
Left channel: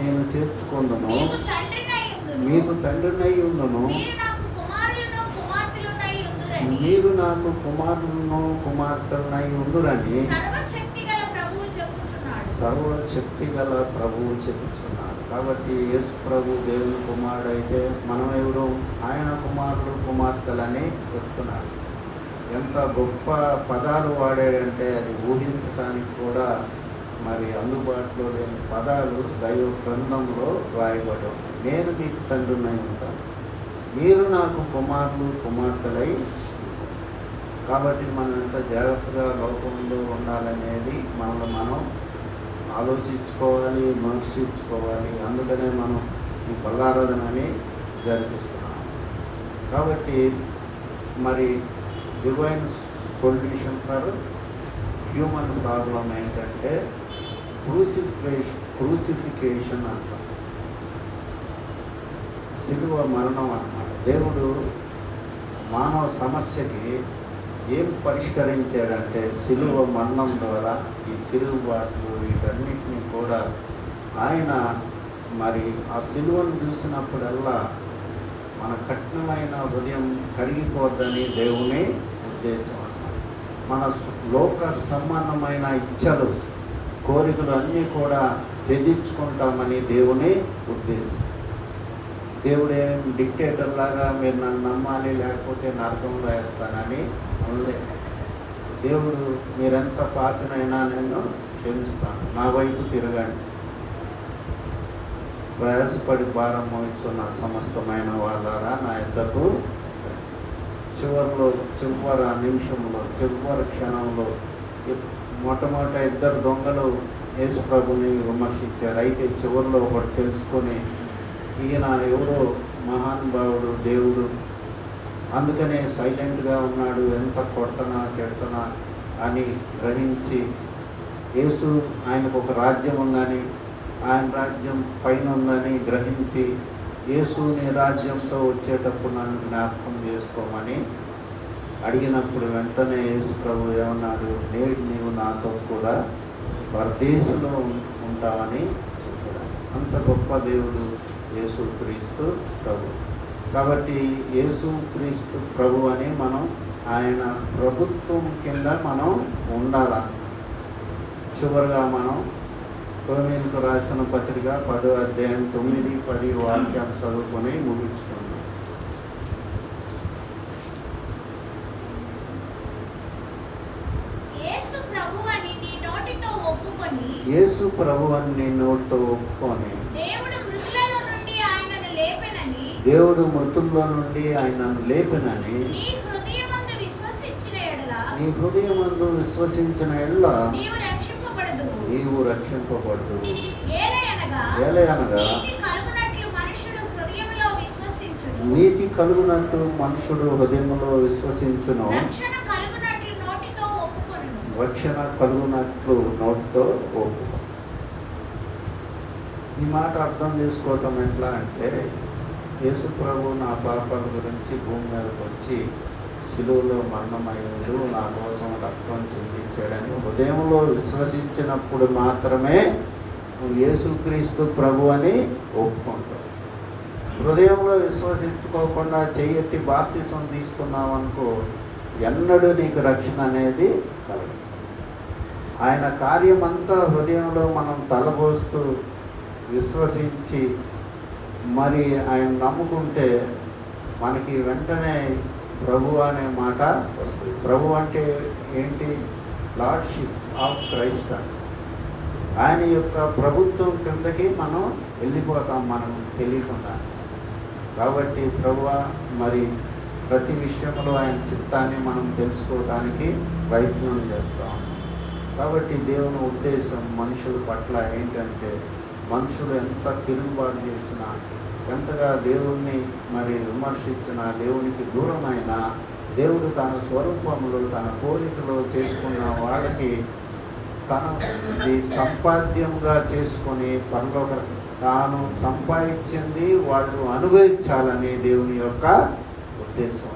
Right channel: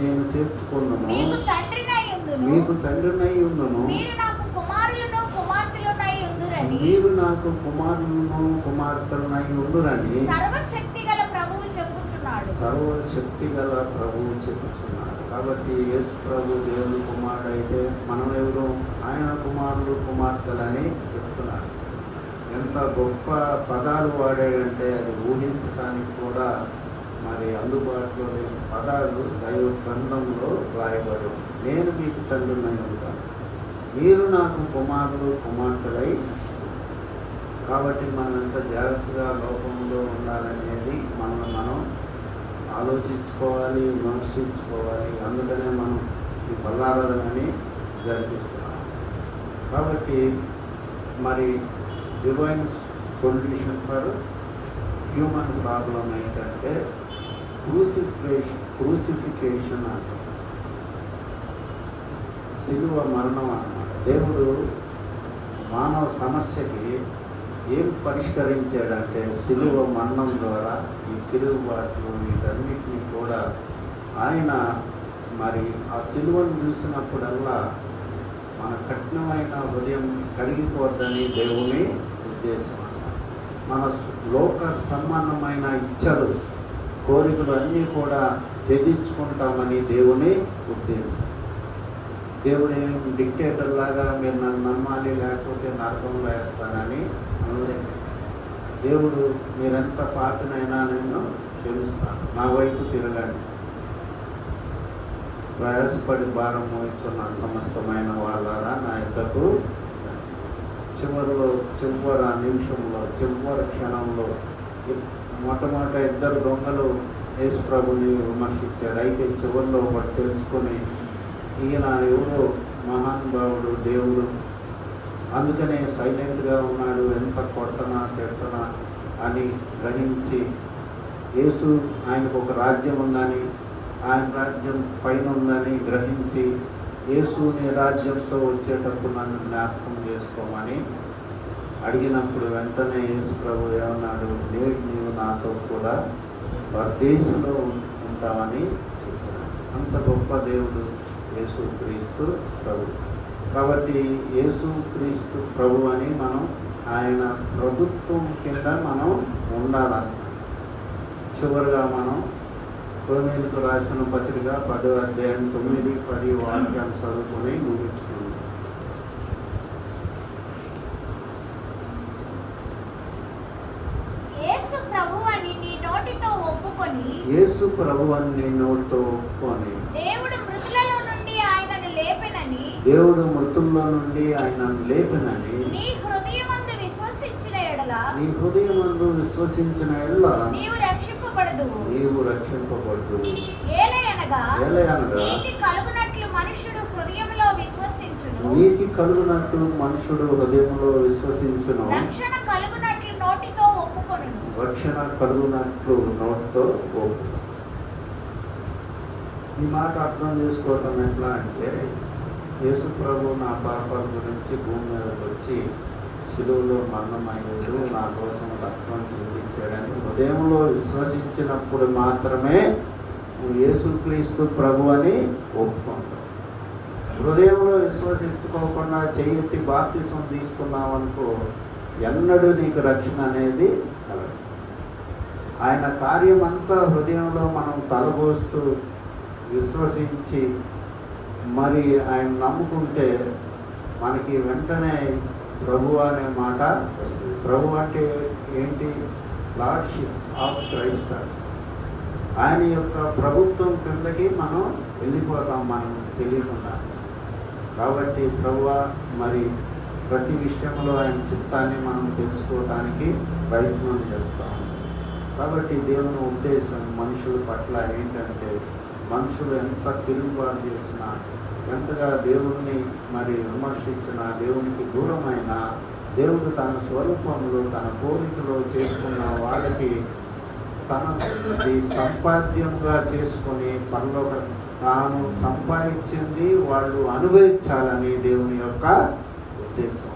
నేను చేర్చుకొందును. మీకు తండ్రినై ఉందును. మీకు తండ్రినై ఉండును. మీరు నాకు కుమారులను కుమార్తెలునై ఉందురని. మీరు నాకు కుమారులను కుమార్తెలనై ఉండురని సర్వశక్తిగల ప్రభువు చెప్పుచున్నాడు. సర్వశక్తిగల ప్రభువు చెప్పుచున్నాడు. కాబట్టి యేసు ప్రభు దేవుని కుమారుడు అయితే మనం ఎవరు? ఆయన కుమారులు కుమార్తెలని చెప్తున్నాడు. ఎంత గొప్ప పదాలు వాడాడంటే అది ఊహించడానికి కూడా మరి అందుబాటులో లేని పదాలు దైవ గ్రంథంలో రాయబడి, నేను మీకు తండ్రినై ఉంటాను, మీరు నాకు కుమారులు కుమార్తెలై. కాబట్టి మనం ఎంత జాగ్రత్తగా లోకంలో ఉండాలనేది మనం ఆలోచించుకోవాలి, విమర్శించుకోవాలి. అందుకనే మనం ఈ బలారాధనని జరిపిస్తున్నాం. కాబట్టి మరి divine solution for human problem ఏంటంటే క్రూసిఫికేషన్ అంటారు, శిలువ మరణం అన్నమాట. దేవుడు మానవ సమస్యకి ఏం పరిష్కరించాడంటే శిలువ మరణం ద్వారా ఈ తిరుగుబాట్లు వీటన్నిటినీ కూడా ఆయన మరి ఆ శిలువను చూసినప్పుడల్లా మన కఠినమైన ఉదయం కరిగిపోద్దని దేవుని ఉద్దేశం. మన లోక సంబంధమైన ఇచ్చలు కోరికలు అన్నీ కూడా త్యజించుకుంటామని దేవుని ఉద్దేశం. దేవుడు ఏం డిక్టేటర్ లాగా మీరు నన్ను నమ్మాలి లేకపోతే నరకంలో వేస్తానని అనలేదు. దేవుడు మీరెంత పాపనైనా నేను క్షమిస్తాను, నా వైపు తిరగండి, ప్రయాసపడి భారం మోస్తున్న సమస్తమైన వాళ్ళారా నా యొద్దకు. చివరి నిమిషంలో చివరి క్షణంలో మొట్టమొదట 2 దొంగలు యేసు ప్రభుని విమర్శించారు. అయితే చివరిలో ఒకటి తెలుసుకొని ఈయన ఎవరో మహానుభావుడు దేవుడు. అందుకనే సైలెంట్గా ఉన్నాడు. ఎంత కొడుతున్నా తిడుతున్నా అని గ్రహించి యేసు ఆయనకు ఒక రాజ్యం ఉందని, ఆయన రాజ్యం పైన ఉందని గ్రహించి యేసు నీ రాజ్యంతో వచ్చేటప్పుడు నన్ను జ్ఞాపకం చేసుకోమని అడిగినప్పుడు వెంటనే యేసు ప్రభు ఏమన్నాడు, నేడు నీవు నాతో కూడా పరదేశంలో ఉంటావని చెప్పాడు. అంత గొప్ప దేవుడు యేసు క్రీస్తు ప్రభు. కాబట్టి యేసు క్రీస్తు ప్రభు అని మనం ఆయన ప్రభుత్వం కింద మనం ఉండాలని. చివరిగా మనం రోమీయులకు రాసిన పత్రిక 10వ అధ్యాయం 9, 10 వాక్యాలు చదువుకొని ముగించుకున్నాం. యేసు ప్రభువని నీ నోటితో ఒప్పుకొని యేసు ప్రభు అని నీ నోటితో ఒప్పుకొని దేవుడు మృతులలో నుండి ఆయనను లేపెనని దేవుడు మృతుల్లో నుండి ఆయనను లేపెనని నీ హృదయమందు విశ్వసించిన ఎడల నీ హృదయమందు విశ్వసించిన ఎడల నీవు రక్షింపబడదువు. నీవు రక్షింపబడు. ఏలయనగా ఏలయనగా నీతి కలుగునట్లు మనుషుడు హృదయంలో విశ్వసించును, నీతి కలుగునట్టు మనుషుడు హృదయంలో విశ్వసించును, రక్షణ కలుగునట్లు నోటితో ఒప్పుకొనును. రక్షణ కలుగునట్లు నోటితో ఒప్పు. ఈ మాట అర్థం చేసుకోవటం ఎట్లా అంటే, యేసు ప్రభు నా పాపాల గురించి భూమి మీదకి వచ్చి శిలువలో మరణమయ్యాడు, నా కోసం రక్తం చిందించాడని హృదయంలో విశ్వసించినప్పుడు మాత్రమే నువ్వు యేసుక్రీస్తు ప్రభు అని ఒప్పుకుంటావు. హృదయంలో విశ్వసించుకోకుండా చేయెత్తి బాప్తిసం తీసుకున్నావు అనుకో, ఎన్నడూ నీకు రక్షణ అనేది కలగదు. ఆయన కార్యమంతా హృదయంలో మనం తలబోస్తూ విశ్వసించి మరి ఆయన నమ్ముకుంటే మనకి వెంటనే ప్రభు అనే మాట వస్తుంది. ప్రభు అంటే ఏంటి? Lordship of Christ. ఆయన యొక్క ప్రభుత్వం కిందకి మనం వెళ్ళిపోతాం మనం తెలియకుండా. కాబట్టి ప్రభువా మరి ప్రతి విషయంలో ఆయన చిత్తాన్ని మనం తెలుసుకోవడానికి ప్రయత్నం చేస్తాం. కాబట్టి దేవుని ఉద్దేశం మనుషుల పట్ల ఏంటంటే, మనుషుడు ఎంత తిరుగుబాటు చేసినా, ఎంతగా దేవుణ్ణి మరి విమర్శించినా, దేవునికి దూరమైన దేవుడు తన స్వరూపంలో తన పోలికలో చేసుకున్న వాళ్ళకి తనది సంపాద్యంగా చేసుకుని పనిలో తాను సంపాదించింది వాళ్ళు అనుభవించాలని దేవుని యొక్క ఉద్దేశం.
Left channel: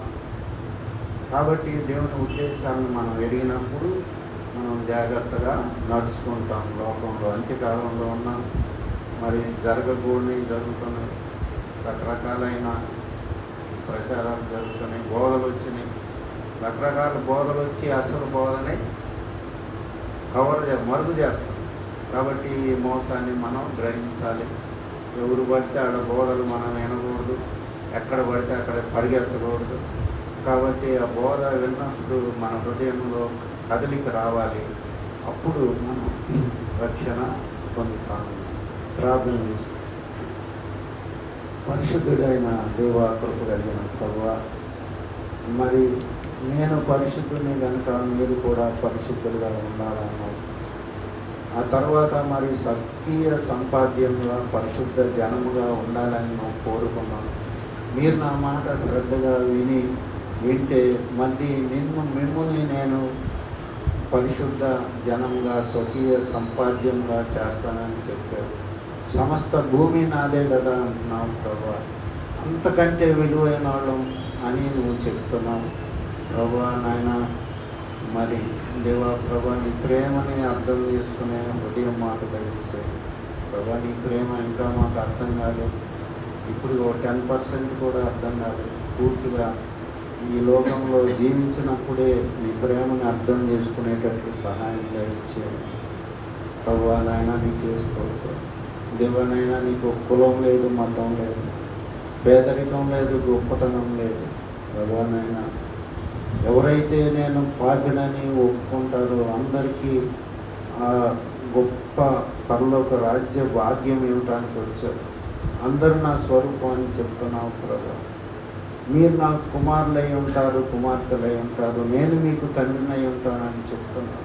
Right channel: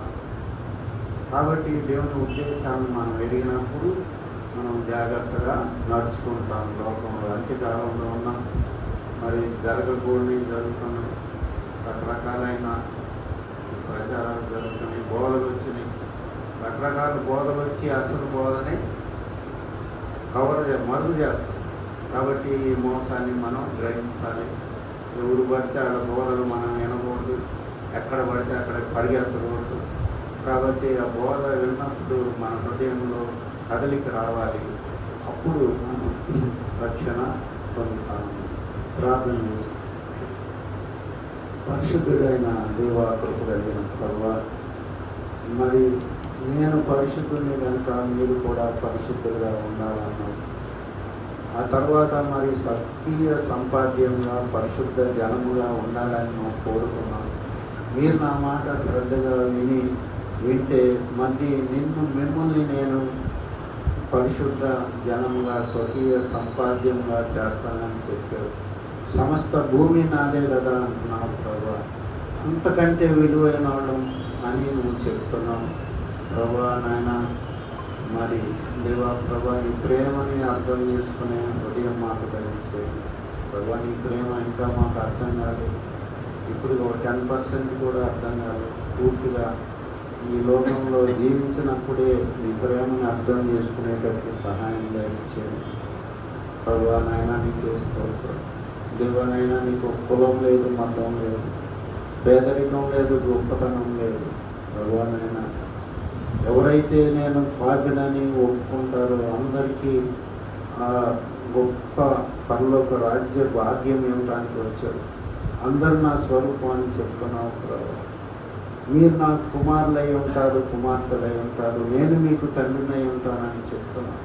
కాబట్టి దేవుని ఉద్దేశాన్ని మనం ఎరిగినప్పుడు మనం జాగ్రత్తగా నడుచుకుంటాం. లోకంలో అంత్యకాలంలో ఉన్నాం, మరి జరగకూడని జరుగుతున్నాయి, రకరకాలైన ప్రచారాలు జరుగుతున్నాయి, బోధలు వచ్చినాయి, రకరకాల బోధలు వచ్చి అసలు బోధని మరుగు చేస్తాం. కాబట్టి ఈ మోసాన్ని మనం గ్రహించాలి. ఎవరు పడితే ఆడ బోధలు మనం వినకూడదు, ఎక్కడ పడితే అక్కడ పరిగెత్తకూడదు. కాబట్టి ఆ బోధ విన్నప్పుడు మన హృదయంలో కదలిక రావాలి. అప్పుడు రక్షణ పొందుతాము. ప్రార్థన చేసి, పరిశుద్ధుడైన దేవా, కృప కలిగిన ప్రభువా, మరి నేను పరిశుద్ధుని కనుక మీరు కూడా పరిశుద్ధులుగా ఉండాలన్నాను. ఆ తర్వాత మరి సత్కీయ సంపాద్యంగా పరిశుద్ధ జనముగా ఉండాలని నేను కోరుకున్నాను. మీరు నా మాట శ్రద్ధగా వింటే మళ్ళీ మిమ్మల్ని నేను పరిశుద్ధ జనంగా స్వకీయ సంపాద్యంగా చేస్తానని చెప్పారు. సమస్త భూమి నాదే కదా అంటున్నావు ప్రభా, అంతకంటే విలువైన వాడు అని నువ్వు చెప్తున్నావు ప్రభా. నాయన మరి దేవా ప్రభా, నీ ప్రేమని అర్థం చేసుకునే హృదయం మాకు కలిగించే ప్రభా. నీ ప్రేమ ఇంకా మాకు అర్థం కాదు, ఇప్పుడు 10% కూడా అర్థం కాదు. పూర్తిగా ఈ లోకంలో జీవించినప్పుడే నీ ప్రేమను అర్థం చేసుకునేటట్టు సహాయంగా ఇచ్చేది ప్రభా. నాయన నీకు చేసుకోవచ్చు దేవనైనా, నీకు కులం లేదు, మతం లేదు, పేదరికం లేదు, గొప్పతనం లేదు ప్రభా. నాయన ఎవరైతే నేను పాపినని ఒప్పుకుంటారో అందరికీ ఆ గొప్ప పరలోక రాజ్య భాగ్యం ఇవ్వడానికి వచ్చారు. అందరూ నా స్వరూపాన్ని చెప్తున్నాను ప్రభా. మీరు నాకు కుమారులై ఉంటారు, కుమార్తెలై ఉంటారు, నేను మీకు తండ్రినై ఉంటానని చెప్తున్నాను.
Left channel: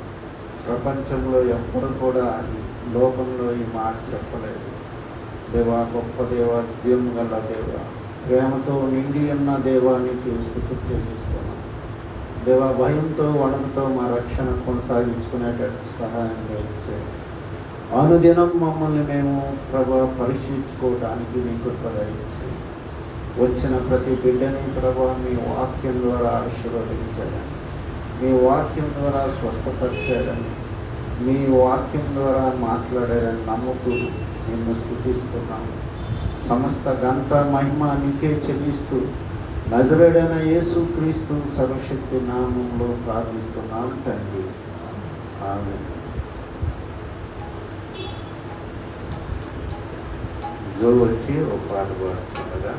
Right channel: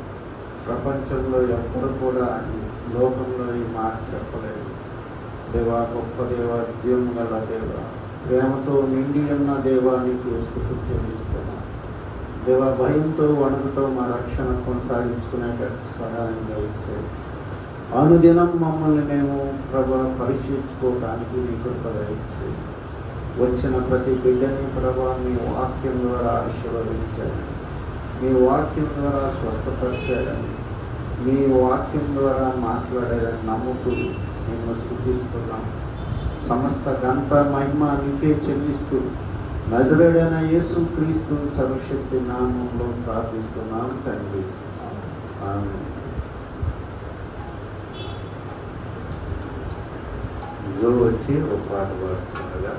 ప్రపంచంలో ఎవ్వరు కూడా ఈ లోకంలో ఈ మాట చెప్పలేదు. దేవా, గొప్ప దేవ, జీవం గల దేవ, ప్రేమతో నిండి ఉన్న దేవానికి స్థుతి చెల్లిస్తున్నాను. దేవ భయంతో వణంతో మా రక్షణ కొనసాగించుకునేటట్టు సహాయం దయచేయండి. అనుదినం మమ్మల్ని మేము ప్రభా పరీక్షించుకోవడానికి నీకు దయచేయండి. వచ్చిన ప్రతి బిడ్డని ప్రభా మీ వాక్యం ద్వారా ఆశీర్వదించాలని, మీ వాక్యం ద్వారా స్వస్థపరిచాలని, మీ వాక్యం ద్వారా మాట్లాడాలని నమ్ముతూ నేను స్తుతిస్తున్నాను. సమస్త ఘనత మహిమ నీకే చెల్లిస్తూ నజరేయుడైన యేసుక్రీస్తు సర్వశక్తి నామంలో ప్రార్థిస్తున్నాను తండ్రి. ఆమేన్. జో వచ్చి ఒక పాట పాడుతుండగా